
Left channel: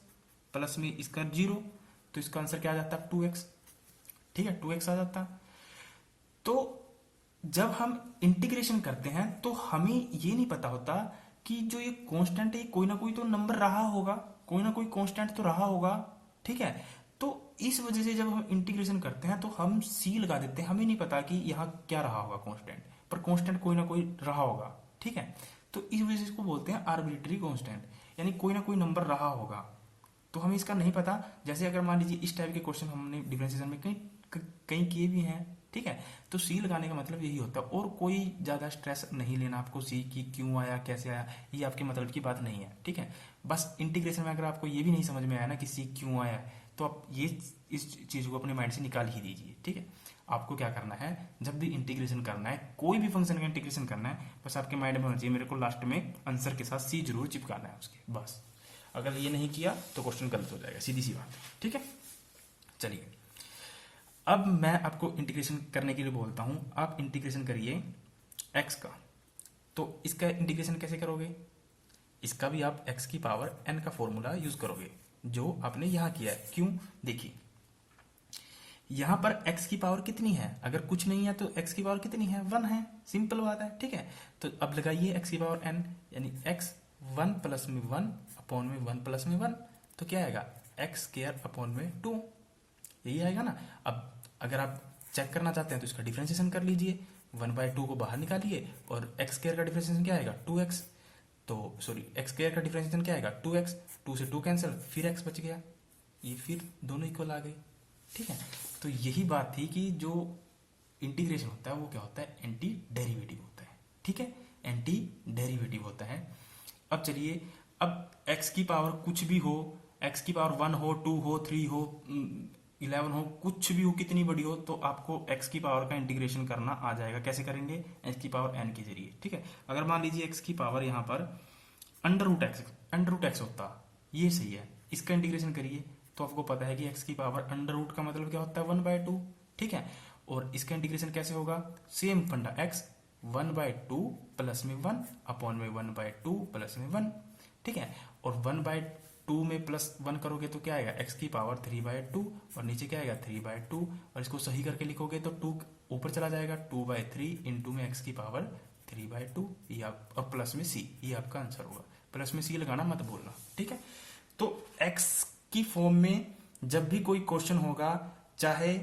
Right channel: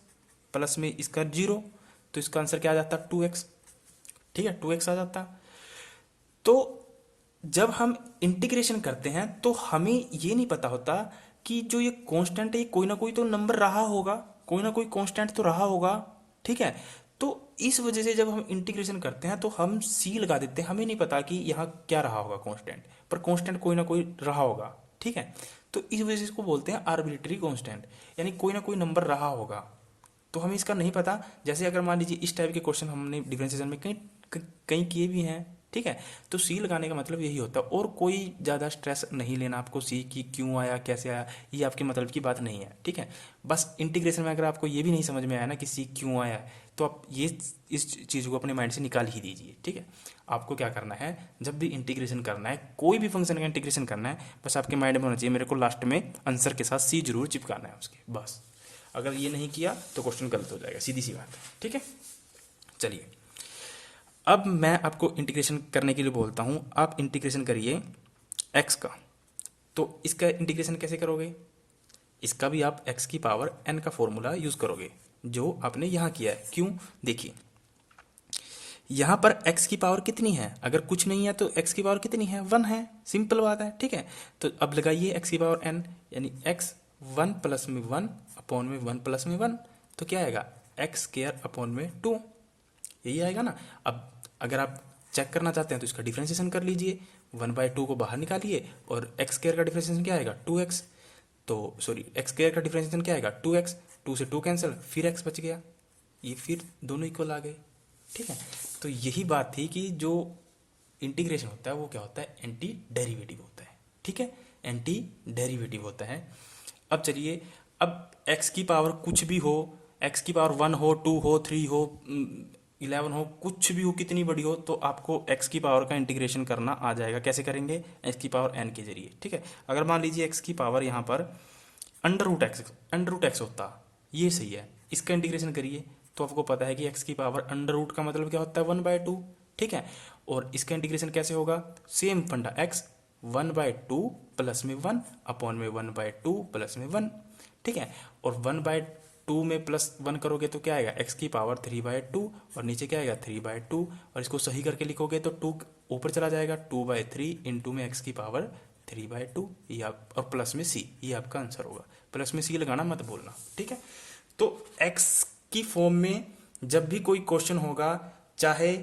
प्लस में इसका 0, तो इसका आंसर क्या आ जाता है, 2x। ठीक है, 2x आ जाता है। तो जब हम इंटीग्रेशन करते हैं तो हमें ये नहीं पता होता कि जो ये कांस्टेंट है कोई ना कोई तो नंबर रहा होगा, कोई ना कोई कांस्टेंट तो रहा होगा। ठीक है, तो इस वजह से जब हम इंटीग्रेशन करते हैं तो हम सी लगा देते हैं, हमें नहीं पता कि यहाँ क्या रहा होगा कांस्टेंट, पर कांस्टेंट कोई ना कोई रहा होगा। ठीक है, तो इस वजह से इसको बोलते हैं आर्बिट्री कांस्टेंट, यानी कोई ना कोई नंबर रहा होगा, तो हमें इसका नहीं पता। जैसे अगर मान लीजिए इस टाइप के क्वेश्चन हमने डिफरेंशिएशन में कहीं कहीं किए भी हैं, ठीक है। तो सी लगाने का मतलब यही होता है, और कोई ज़्यादा स्ट्रेस नहीं लेना आपको सी की क्यों आया कैसे आया, ये आपके मतलब की बात नहीं है, ठीक है। बस इंटीग्रेशन में अगर आपको ये भी नहीं समझ में आया ना कि सी क्यों आया है, तो आप ये इस चीज़ को अपने माइंड से निकाल ही दीजिए, ठीक है। आपको क्या करना है, जब भी इंटीग्रेशन करना है, कोई भी फंक्शन का इंटीग्रेशन करना है, बस आपके माइंड में होना चाहिए मेरे को लास्ट में आंसर के साथ सी जरूर चिपकाना है उसके, बस। अगर ये नहीं किया तो क्वेश्चन गलत हो जाएगा, सीधी सी बात है, ठीक है। चलिए, अब मैं आपको इंटीग्रेशन करने के लिए बोलता हूँ, आप इंटीग्रेशन करिए एक्स का। तो इसका इंटीग्रेशन कैसे करोगे, इसका भी आप एक्स की पावर एन का फॉर्मूला यूज करोगे जो आपने यहाँ किया है। क्यों, देखिए यहाँ पर x की पावर कितनी है, अगर कुछ नहीं है तो x की पावर कितनी है, 1 है, सिंपल बात है, ठीक है। तो अब लगाइए x की पावर n, यानी x 1 प्लस में 1 अपॉन में 1 प्लस में 1, तो क्या आएगा एक्स स्क्वायर अपॉन में 2, यही आएगा ना। अब अगर आप चेक करना चाहते हैं तो इसका डिफ्रेंशिएशन कर लीजिए, 1/2 को बाहर निकालिए और एक्स स्क्वायर का डिफ्रेंशिएशन क्या आएगा 2x, तो सॉरी एक्स स्क्वायर का डिफ्रेंशिएशन क्या आएगा 2x, 2 से 2 कैंसिल, फिर x बच गया, ये फिर दोनों इक्वल आ गए, ठीक है। तो यही बात थी कि जो इंटीग्रेशन होता है वो क्या होता है, एंटी डेरिवेटिव होता है, ठीक है, एंटी डेरिवेटिव होता है। अब चलिए, अब x की पावर कुछ भी हो, x की पावर 1 हो, 2 हो, 3 हो, 11 हो, कुछ भी हो, कितनी बड़ी हो, तो आपको x की पावर का इंटीग्रेशन करना आ जाएगा। कैसे करेंगे, x की पावर n के जरिए, ठीक है। अगर मान लीजिए x की पावर यहाँ पर अंडर रूट एक्स होता, ये सही है, इसका इंटीग्रेशन करिए तो आपको पता है कि x की पावर अंडर रूट का मतलब क्या होता है 1/2, ठीक है। और इसका इंटीग्रेशन कैसे होगा, सेम फंडा, x 1/2 प्लस में 1 अपॉन में 1/2 प्लस में 1, ठीक है। और 1/2 में प्लस 1 करोगे तो क्या आएगा x की पावर 3/2, और नीचे क्या आएगा 3/2, और इसको सही करके लिखोगे तो 2 ऊपर चला जाएगा, 2/3 इंटू में x की पावर 3/2, ये आप, और प्लस में c, ये आपका आंसर होगा। प्लस में c लगाना मत बोलना, ठीक है। तो x की फॉर्म में जब भी कोई क्वेश्चन होगा, चाहे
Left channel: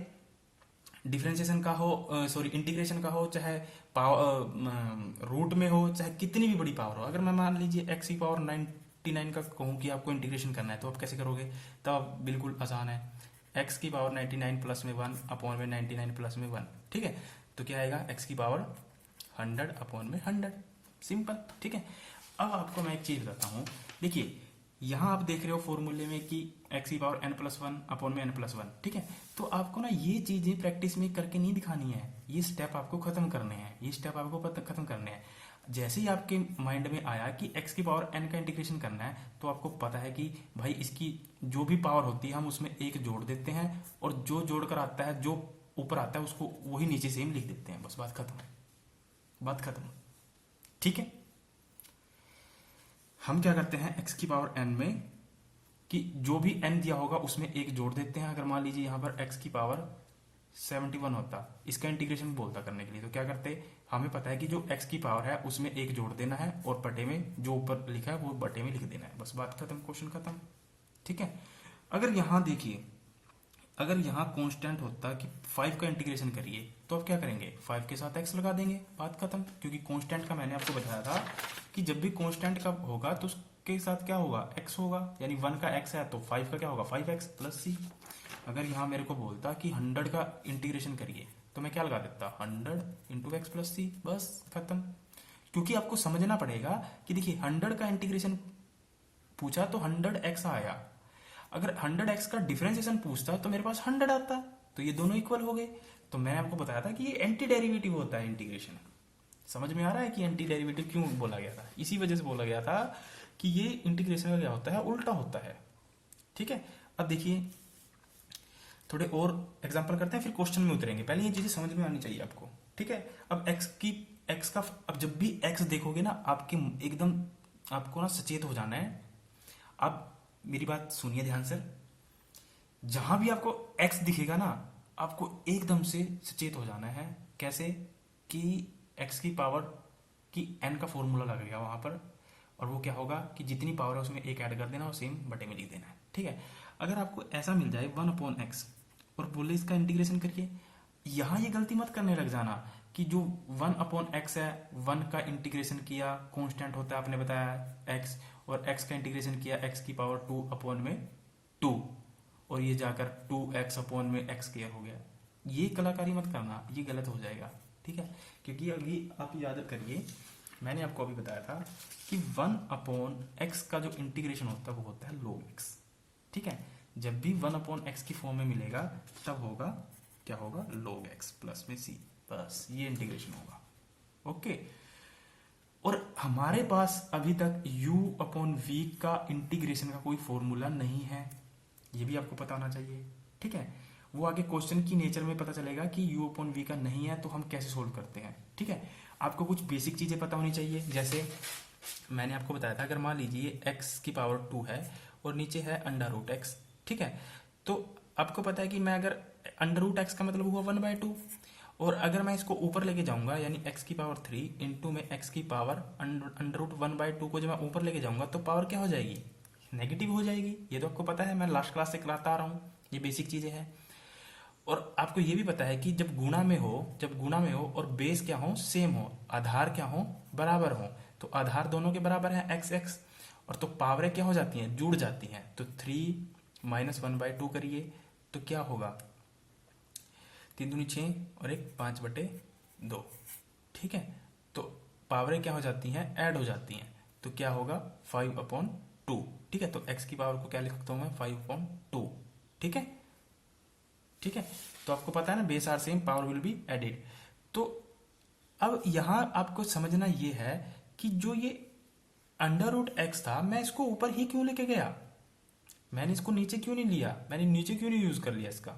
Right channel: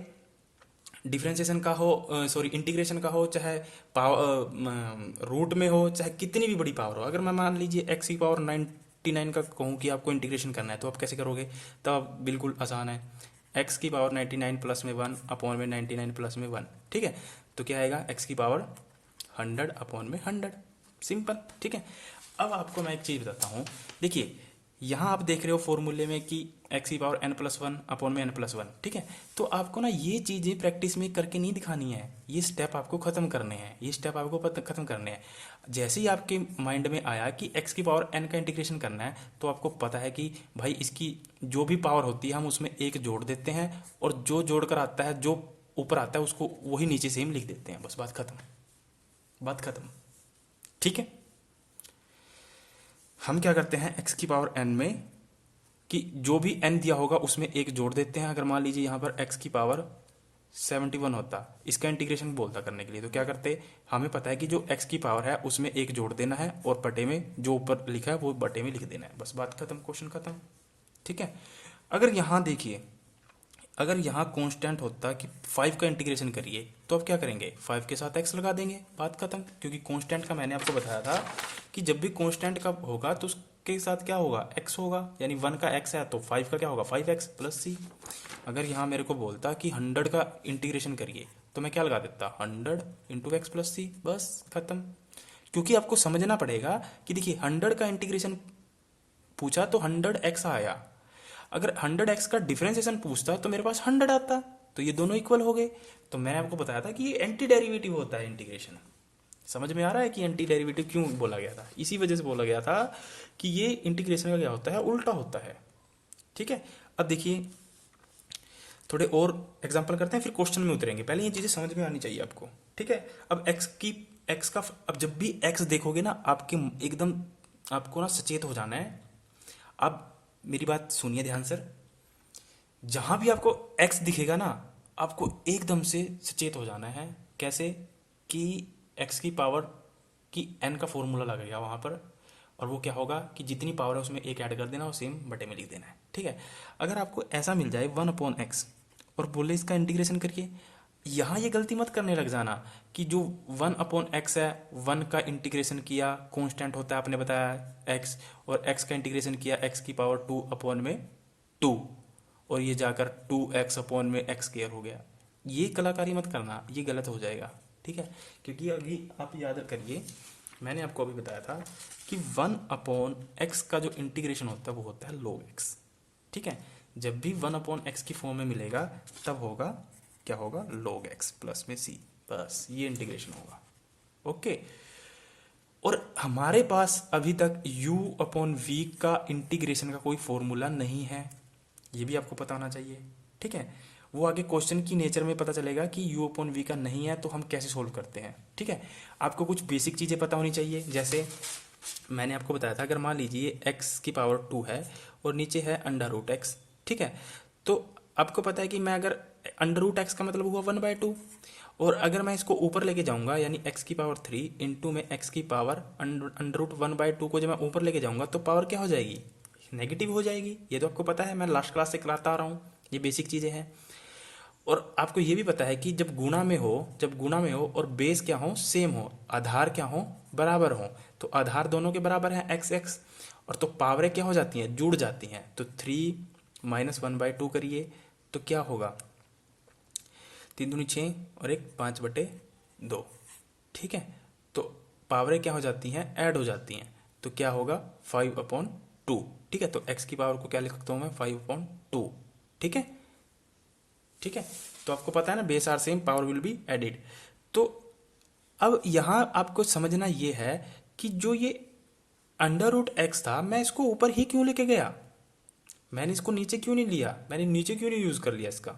डिफरेंशिएशन का हो, सॉरी इंटीग्रेशन का हो, चाहे पावर रूट में हो, चाहे कितनी भी बड़ी पावर हो, अगर मैं मान लीजिए x की पावर 99 का कहूँ कि आपको इंटीग्रेशन करना है, तो आप कैसे करोगे, तब बिल्कुल आसान है, x की पावर 99 प्लस में 1 अपॉन में 99 प्लस में 1, ठीक है। तो क्या आएगा x की पावर 100 अपॉन में 100, सिंपल, ठीक है। अब आपको मैं एक चीज़ बताता हूँ, देखिए यहाँ आप देख रहे हो फॉर्मूले में कि x की पावर n+1 अपॉन में n+1, ठीक है। तो आपको ना ये चीज़ें प्रैक्टिस में करके नहीं दिखानी है, ये स्टेप आपको खत्म करने हैं, ये स्टेप आपको खत्म करने हैं। जैसे ही आपके माइंड में आया कि x की पावर n का इंटीग्रेशन करना है, तो आपको पता है कि भाई इसकी जो भी पावर होती है हम उसमें एक जोड़ देते हैं, और जो जोड़ कर आता है, जो ऊपर आता है उसको वही नीचे सेम लिख देते हैं, बस बात खत्म, बात खत्म, ठीक है। हम क्या करते हैं x की पावर n में कि जो भी n दिया होगा उसमें एक जोड़ देते हैं। अगर मान लीजिए यहाँ पर x की पावर 71 होता, इसका इंटीग्रेशन बोलता करने के लिए, तो क्या करते, हमें पता है कि जो x की पावर है उसमें एक जोड़ देना है, और बटे में जो ऊपर लिखा है वो बटे में लिख देना है, बस बात खत्म, क्वेश्चन खत्म, ठीक है। अगर यहाँ देखिए, अगर यहाँ कांस्टेंट होता कि 5 का इंटीग्रेशन करिए, तो आप क्या करेंगे, 5 के साथ x लगा देंगे, बात खत्म। क्योंकि कांस्टेंट का मैंने आपको बताया था कि जब भी कांस्टेंट का होगा तो उसके साथ क्या होगा, x होगा, यानी 1 का x है तो 5 का क्या होगा 5x प्लस c। अगर यहाँ मेरे को बोलता कि 100 का इंटीग्रेशन करिए, तो मैं क्या लगा देता 100 इंटू एक्स प्लस सी, बस खत्म। क्योंकि आपको समझना पड़ेगा कि देखिए 100 का इंटीग्रेशन पूछा तो 100x आया, अगर 100x का डिफरेंशिएशन पूछता तो मेरे पास 100 आता, तो ये दोनों इक्वल हो गए। तो मैंने आपको बताया था कि ये एंटी डेरिवेटिव होता है इंटीग्रेशन। समझ में आ रहा है कि एंटी डेरिवेटिव क्यों बोला गया था, इसी वजह से बोला गया था कि ये इंटीग्रेशन का क्या होता है, उल्टा होता है, ठीक है। अब देखिए थोड़े और एग्जाम्पल करते हैं, फिर क्वेश्चन में उतरेंगे, पहले ये चीजें समझ में आनी चाहिए आपको, ठीक है। अब एक्स का, अब जब भी एक्स देखोगे ना, आपके एकदम आपको ना सचेत हो जाना है। अब मेरी बात सुनिए ध्यान से, जहां भी आपको x दिखेगा ना, आपको एकदम से सचेत हो जाना है। कैसे, कि x की पावर की n का फॉर्मूला लगेगा वहां पर, और वो क्या होगा कि जितनी पावर है उसमें एक ऐड कर देना और सेम बटे में लिख देना है, ठीक है। अगर आपको ऐसा मिल जाए 1/x और बोले इसका इंटीग्रेशन करके, यहाँ ये गलती मत करने लग जाना कि जो 1/x है, 1 का इंटीग्रेशन किया, कांस्टेंट होता है आपने बताया x, और x का इंटीग्रेशन किया x की पावर 2/2, और ये जाकर 2x अपॉन में x स्क्वायर हो गया। ये कलाकारी मत करना, ये गलत हो जाएगा, ठीक है। क्योंकि अभी आप याद करिए, मैंने आपको अभी बताया था कि 1/x का जो इंटीग्रेशन होता है वो होता है log x, ठीक है। जब भी 1/x की फॉर्म में मिलेगा तब होगा, क्या होगा, log x प्लस में c, बस ये इंटीग्रेशन होगा, ओके। और हमारे पास अभी तक u/v का इंटीग्रेशन का कोई फॉर्मूला नहीं है, ये भी आपको पता होना चाहिए, ठीक है। वो आगे क्वेश्चन की नेचर में पता चलेगा कि u/v का नहीं है तो हम कैसे सोल्व करते हैं, ठीक है। आपको कुछ बेसिक चीज़ें पता होनी चाहिए, जैसे मैंने आपको बताया था, अगर मान लीजिए x की पावर 2 है और नीचे है √x, ठीक है। तो आपको पता है कि मैं अगर √x का मतलब हुआ 1/2, और अगर मैं इसको ऊपर लेके जाऊंगा यानी x की पावर 3 इंटू में x की पावर √1/2 को जब मैं ऊपर लेके जाऊंगा तो पावर क्या हो जाएगी, नेगेटिव हो जाएगी। ये तो आपको पता है, मैं लास्ट क्लास से कराता आ रहा हूँ, ये बेसिक चीज़ें हैं। और आपको ये भी पता है कि जब गुणा में हो और बेस क्या हो, सेम हो, आधार क्या हो, बराबर हो, तो आधार दोनों के बराबर है एक्स एक्स, और तो पावरें क्या हो जाती हैं, जुड़ जाती हैं। तो 3 - 1/2 करिए तो क्या होगा, 3 दूनी 6 और 1 5/2, ठीक है। तो पावरें क्या हो जाती हैं, ऐड हो जाती हैं, तो क्या होगा 5/2, ठीक है। तो x की पावर को क्या लिख सकता हूँ मैं, 5/2, ठीक है, ठीक है। तो आपको पता है ना, base are same, power will be added. तो अब यहाँ आपको समझना ये है कि जो ये √x था, मैं इसको ऊपर ही क्यों लेके गया, मैंने इसको नीचे क्यों नहीं लिया, मैंने नीचे क्यों नहीं यूज कर लिया इसका,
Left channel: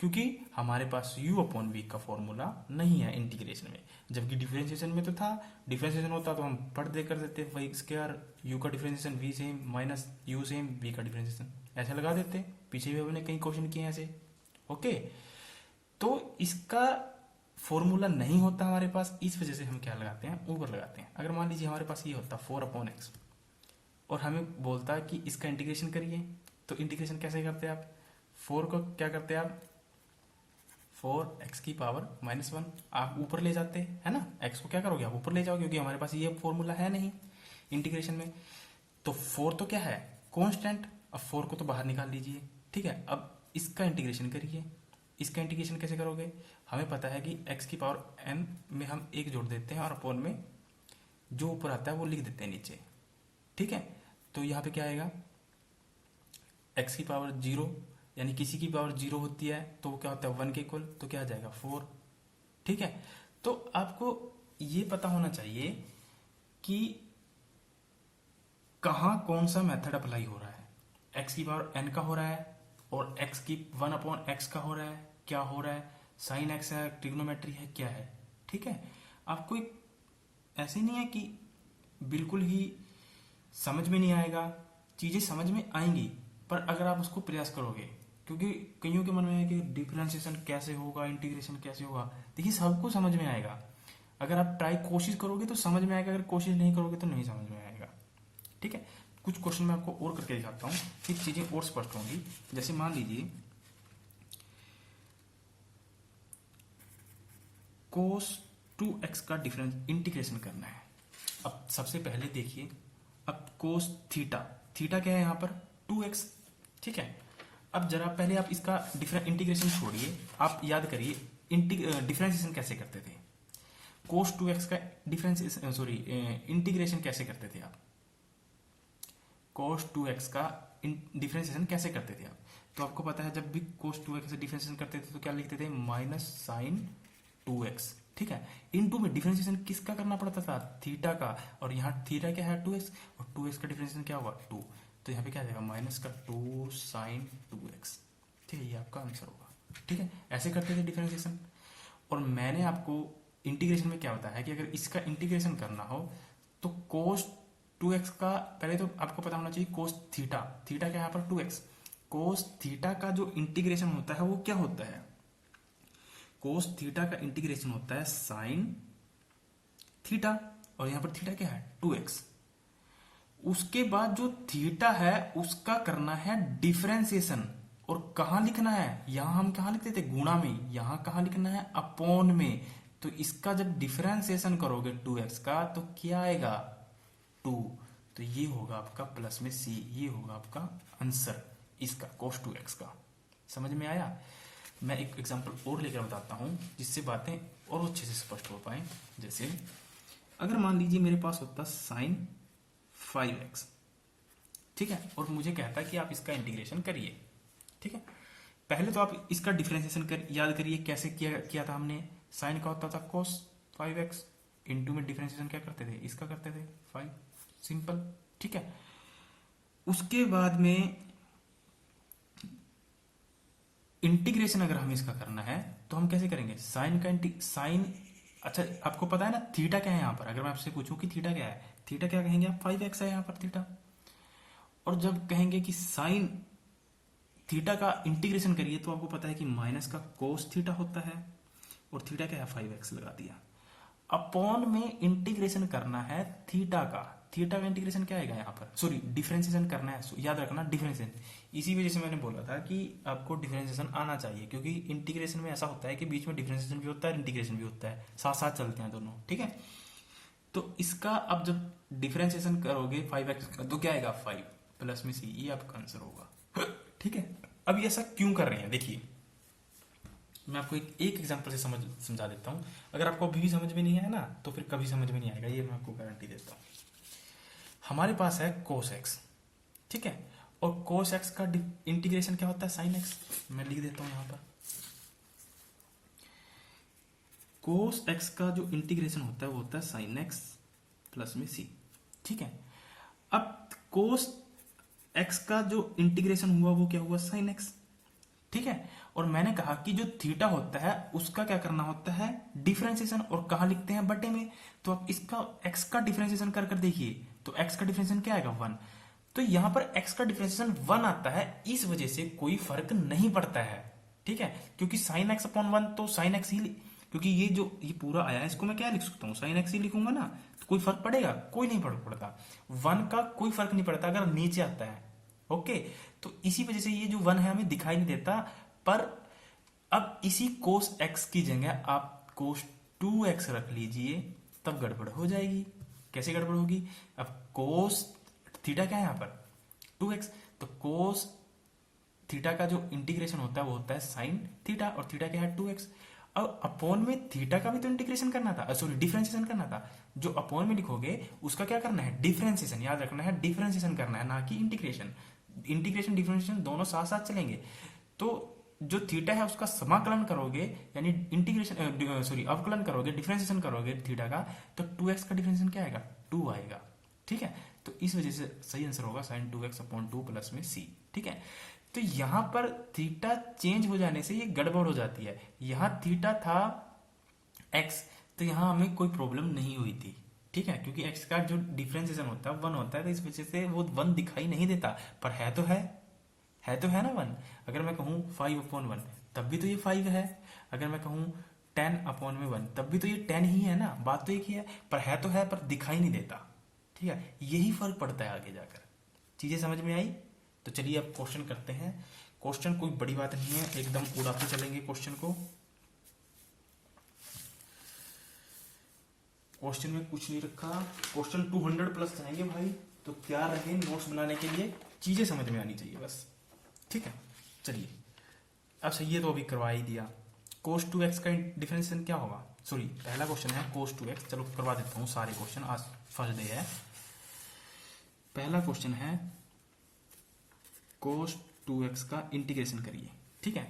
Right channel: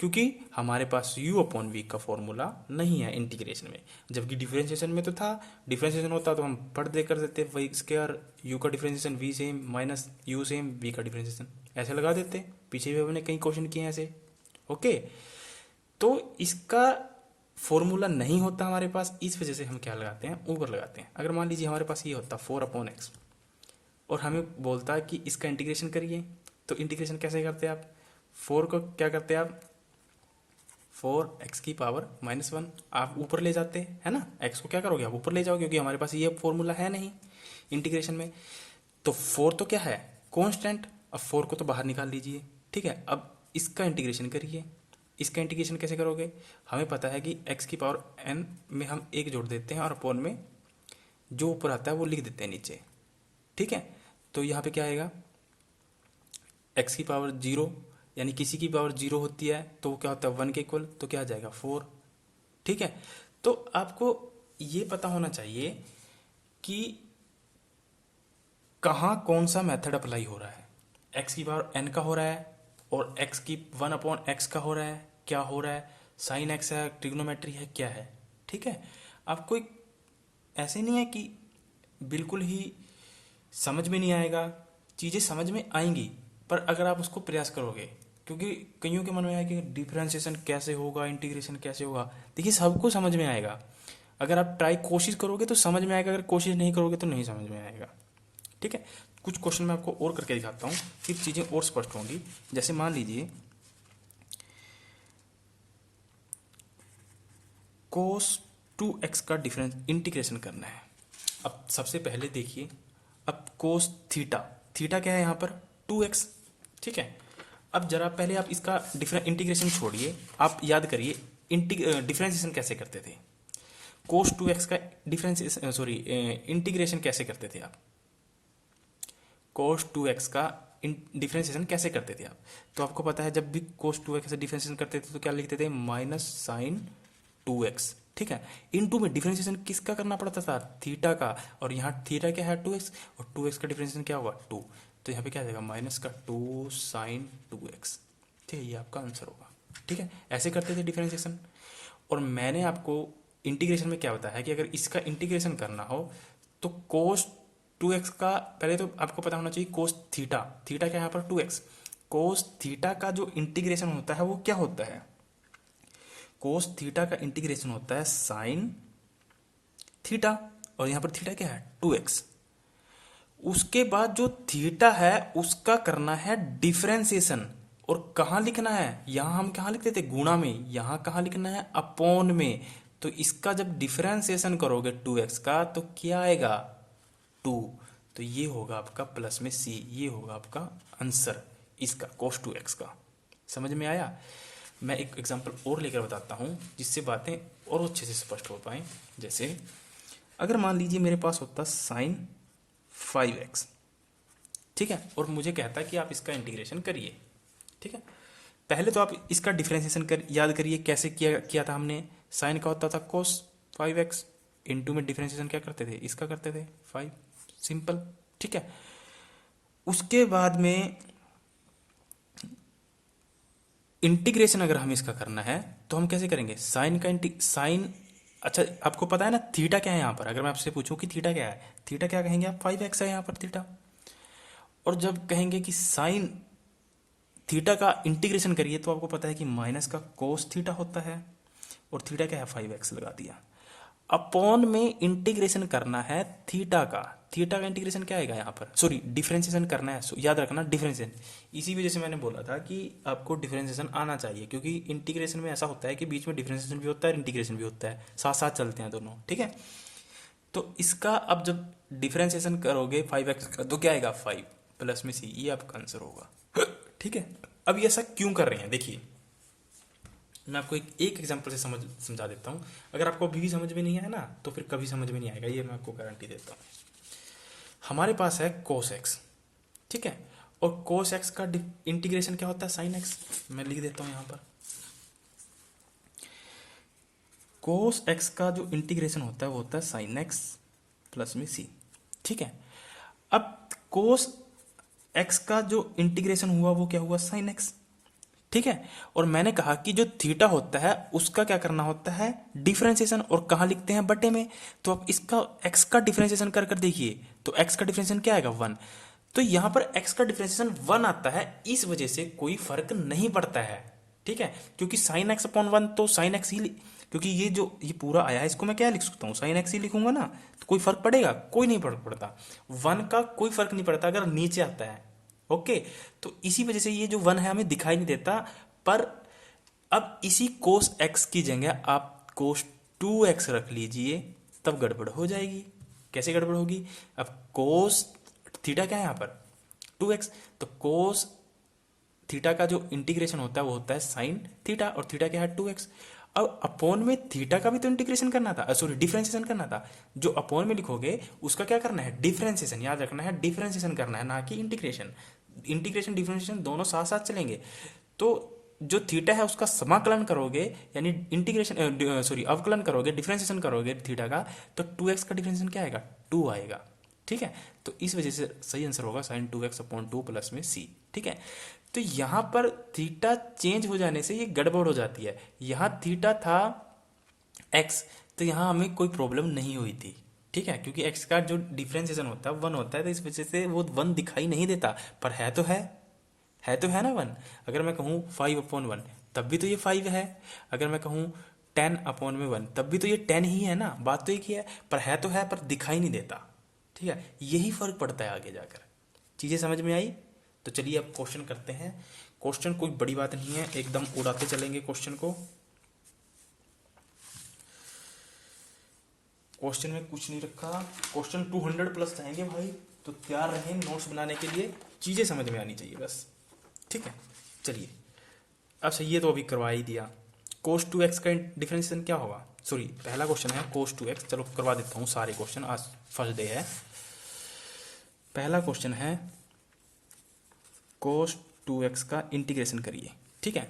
क्योंकि हमारे पास u/v का फॉर्मूला नहीं है इंटीग्रेशन में, जबकि डिफरेंशिएशन में तो था। डिफरेंशिएशन होता तो हम पढ़ दे कर देते, वही स्क्वायर u का differentiation v same minus u same v का डिफरेंशिएशन ऐसे लगा देते, पीछे भी हमने कई क्वेश्चन किए हैं ऐसे, ओके। तो इसका फॉर्मूला नहीं होता हमारे पास, इस वजह से हम क्या लगाते हैं, ऊपर लगाते हैं। अगर मान लीजिए हमारे पास ये होता 4/x और हमें बोलता है कि इसका इंटीग्रेशन करिए, तो इंटीग्रेशन कैसे करते हैं आप, 4 को क्या करते हैं आप, 4x की पावर -1 आप ऊपर ले जाते हैं, है ना। x को क्या करोगे आप, ऊपर ले जाओगे, क्योंकि हमारे पास ये फॉर्मूला है नहीं इंटीग्रेशन में। तो 4 तो क्या है, कांस्टेंट, अब 4 को तो बाहर निकाल लीजिए, ठीक है। अब इसका इंटीग्रेशन करिए, इसका इंटीग्रेशन कैसे करोगे, हमें पता है कि x की पावर n में हम 1 जोड़ देते हैं और अपॉन में जो ऊपर आता है वो लिख देते हैं नीचे, ठीक है। तो यहाँ पे क्या आएगा, x की पावर 0, यानी किसी की पावर 0 होती है तो वो क्या होता है 1 के इक्वल, तो क्या आ जाएगा 4, ठीक है। तो आपको ये पता होना चाहिए कि कहाँ कौन सा मेथड अप्लाई हो रहा है, x की पावर n का हो रहा है और x की 1/x का हो रहा है, क्या हो रहा है, साइन x है, ट्रिग्नोमेट्री है, क्या है, ठीक है। आपको ऐसे नहीं है कि बिल्कुल ही समझ में नहीं आएगा, चीज़ें समझ में आएंगी पर अगर आप उसको प्रयास करोगे, क्योंकि कईयों के मन में है कि डिफरेंशिएशन कैसे होगा, इंटीग्रेशन कैसे होगा, देखिए सबको समझ में आएगा। अगर आप ट्राई कोशिश करोगे तो समझ में आएगा, अगर कोशिश नहीं करोगे तो नहीं समझ में आएगा, ठीक है। कुछ क्वेश्चन मैं आपको और करके दिखाता हूँ, फिर चीज़ें और स्पष्ट होंगी। जैसे मान लीजिए cos 2x का डिफरेंस इंटीग्रेशन करना है। अब सबसे पहले देखिए, अब cos थीटा, थीटा क्या है यहाँ पर 2x, ठीक है। अब जरा पहले आप इसका इंटीग्रेशन छोड़िए, आप याद करिए डिफरेंशिएशन कैसे करते थे, cos 2x का डिफरेंशिएशन सॉरी इंटीग्रेशन कैसे करते थे आप, cos 2x का डिफरेंशिएशन कैसे करते थे आप। तो आपको पता है जब भी cos 2x से डिफरेंशिएशन करते थे तो क्या लिखते थे, माइनस साइन 2x, ठीक है। इनटू में डिफरेंशिएशन किसका करना पड़ता था, थीटा का, और यहाँ थीटा क्या है 2x, और 2x का डिफरेंशिएशन क्या होगा 2, तो यहाँ पे क्या आ जाएगा माइनस का 2 साइन 2x, ठीक है। ये आपका आंसर होगा, ठीक है। ऐसे करते थे डिफरेंशिएशन। और मैंने आपको इंटीग्रेशन में क्या बताया है कि अगर इसका इंटीग्रेशन करना हो तो कोस 2x का पहले तो आपको पता होना चाहिए, कोस थीटा, थीटा क्या यहाँ पर 2x, कोस थीटा का जो इंटीग्रेशन होता है वो क्या होता है, कोस थीटा का इंटीग्रेशन होता है साइन थीटा, और यहाँ पर थीटा क्या है 2x। उसके बाद जो थीटा है उसका करना है डिफरेंशिएशन, और कहाँ लिखना है, यहां हम कहाँ लिखते थे गुणा में, यहां कहाँ लिखना है अपॉन में। तो इसका जब डिफरेंशिएशन करोगे 2x का तो क्या आएगा 2, तो ये होगा आपका प्लस में c, ये होगा आपका आंसर इसका cos 2x का। समझ में आया। मैं एक एग्जांपल और लेकर बताता हूँ जिससे बातें और अच्छे से स्पष्ट हो पाए। जैसे अगर मान लीजिए मेरे पास होता साइन 5x, ठीक है, और मुझे कहता कि आप इसका इंटीग्रेशन करिए, ठीक है। पहले तो आप इसका डिफरेंशिएशन कर याद करिए कैसे किया किया था हमने। साइन का होता था कोस 5x, इनटू में डिफरेंशिएशन क्या करते थे, इसका करते थे 5, सिंपल, ठीक है। उसके बाद में इंटीग्रेशन अगर हम इसका करना है तो हम कैसे करेंगे, साइन का साइन, अच्छा आपको पता है ना थीटा क्या है यहाँ पर, अगर मैं आपसे पूछूं कि थीटा क्या है, थीटा क्या कहेंगे आप, 5x है यहाँ पर थीटा। और जब कहेंगे कि साइन थीटा का इंटीग्रेशन करिए तो आपको पता है कि माइनस का कोस थीटा होता है, और थीटा क्या है 5x लगा दिया। अपॉन में इंटीग्रेशन करना है थीटा का, थीटा का इंटीग्रेशन क्या आएगा यहाँ पर, सॉरी डिफरेंशिएशन करना है, याद रखना डिफरेंशिएशन। इसी वजह से मैंने बोला था कि आपको डिफरेंशिएशन आना चाहिए, क्योंकि इंटीग्रेशन में ऐसा होता है कि बीच में डिफरेंशिएशन भी होता है, इंटीग्रेशन भी होता है, साथ साथ चलते हैं दोनों, ठीक है। तो इसका अब जब डिफरेंशिएशन करोगे 5x का तो क्या आएगा 5 प्लस में c, ये आपका आंसर होगा, ठीक है। अब ये ऐसा क्यों कर रहे हैं, देखिए मैं आपको एक एग्जांपल से समझा देता हूँ। अगर आपको अभी भी समझ में नहीं आया ना तो फिर कभी समझ में नहीं आएगा, ये मैं आपको गारंटी देता हूँ। हमारे पास है cos x, ठीक है, और cos x का इंटीग्रेशन क्या होता है sin x, मैं लिख देता हूँ यहाँ पर। cos x का जो इंटीग्रेशन होता है वो होता है sin x प्लस में c, ठीक है। अब cos x का जो इंटीग्रेशन हुआ वो क्या हुआ sin x, ठीक है। और मैंने कहा कि जो थीटा होता है उसका क्या करना होता है डिफरेंशिएशन, और कहाँ लिखते हैं बटे में। तो आप इसका x का डिफरेंशिएशन कर कर देखिए, तो x का डिफरेंशिएशन क्या आएगा 1। तो यहाँ पर x का डिफरेंशिएशन 1 आता है, इस वजह से कोई फर्क नहीं पड़ता है, ठीक है। क्योंकि साइन x अपॉन 1 तो साइन x ही, क्योंकि ये पूरा आया है इसको मैं क्या लिख सकता हूँ साइन x ही लिखूंगा ना, तो कोई फर्क पड़ेगा, कोई नहीं फर्क पड़ता। 1 का कोई फर्क नहीं पड़ता अगर नीचे आता है, ओके। तो इसी वजह से ये जो 1 है हमें दिखाई नहीं देता। पर अब इसी cos x की जगह आप cos 2x रख लीजिए, तब गड़बड़ हो जाएगी। कैसे गड़बड़ होगी, अब cos थीटा क्या है यहाँ पर 2x, तो cos थीटा का जो इंटीग्रेशन होता है वो होता है साइन थीटा, और थीटा क्या है 2x। अब अपॉन में थीटा का भी तो इंटीग्रेशन करना था, सॉरी डिफरेंशिएशन करना था। जो अपॉन में लिखोगे उसका क्या करना है डिफरेंशिएशन, याद रखना है डिफरेंशिएशन करना है, ना कि इंटीग्रेशन। इंटीग्रेशन डिफरेंशिएशन दोनों साथ साथ चलेंगे। तो जो थीटा है उसका समाकलन करोगे, यानी इंटीग्रेशन सॉरी अवकलन करोगे, डिफरेंशिएशन करोगे थीटा का, तो 2x का डिफरेंशिएशन क्या आएगा 2 आएगा, ठीक है। तो इस वजह से सही आंसर होगा साइन 2x अपॉन 2 प्लस में c, ठीक है। तो यहाँ पर थीटा चेंज हो जाने से ये गड़बड़ हो जाती है। यहाँ थीटा था x, तो यहाँ हमें कोई प्रॉब्लम नहीं हुई थी, ठीक है, क्योंकि x का जो डिफरेंशिएशन होता है 1 होता है, तो इस वजह से वो 1 दिखाई नहीं देता। पर है तो है ना 1। अगर मैं कहूँ 5 अपॉन 1 तब भी तो ये 5 है, अगर मैं कहूँ 10 अपॉन में 1 तब भी तो ये 10 ही है ना, बात तो एक ही है। पर है तो है, पर दिखाई नहीं देता, ठीक है। यही फर्क पड़ता है आगे जाकर। चीज़ें समझ में आई? तो चलिए अब क्वेश्चन करते हैं। क्वेश्चन कोई बड़ी बात नहीं है, एकदम उड़ाते चलेंगे क्वेश्चन को। क्वेश्चन में कुछ नहीं रखा, क्वेश्चन 200 प्लस जाएंगे भाई, तो तैयार रहें नोट्स बनाने के लिए। चीज़ें समझ में आनी चाहिए बस, ठीक है। चलिए अच्छा ये तो अभी करवा ही दिया। cos 2x का डिफरेंशिएशन क्या होगा, सॉरी पहला क्वेश्चन है cos 2x, चलो करवा देता हूँ सारे क्वेश्चन, आज फर्स्ट डे है। पहला क्वेश्चन है cos 2x का इंटीग्रेशन करिए, ठीक है।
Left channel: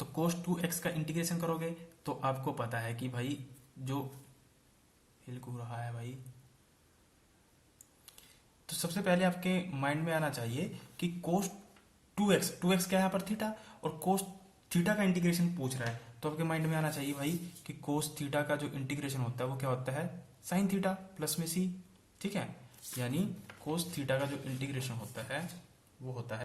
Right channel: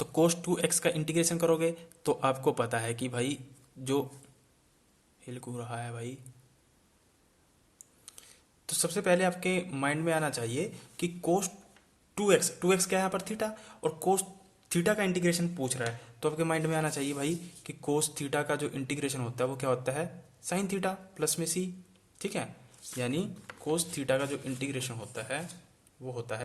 तो cos 2x का इंटीग्रेशन करोगे तो आपको पता है कि भाई जो हिल रहा है भाई, तो सबसे पहले आपके माइंड में आना चाहिए कि cos 2x क्या है यहाँ पर थीटा, और cos थीटा का इंटीग्रेशन पूछ रहा है, तो आपके माइंड में आना चाहिए भाई कि cos थीटा का जो इंटीग्रेशन होता है वो क्या होता है साइन थीटा प्लस में c, ठीक है। यानी cos थीटा का जो इंटीग्रेशन होता है वो होता है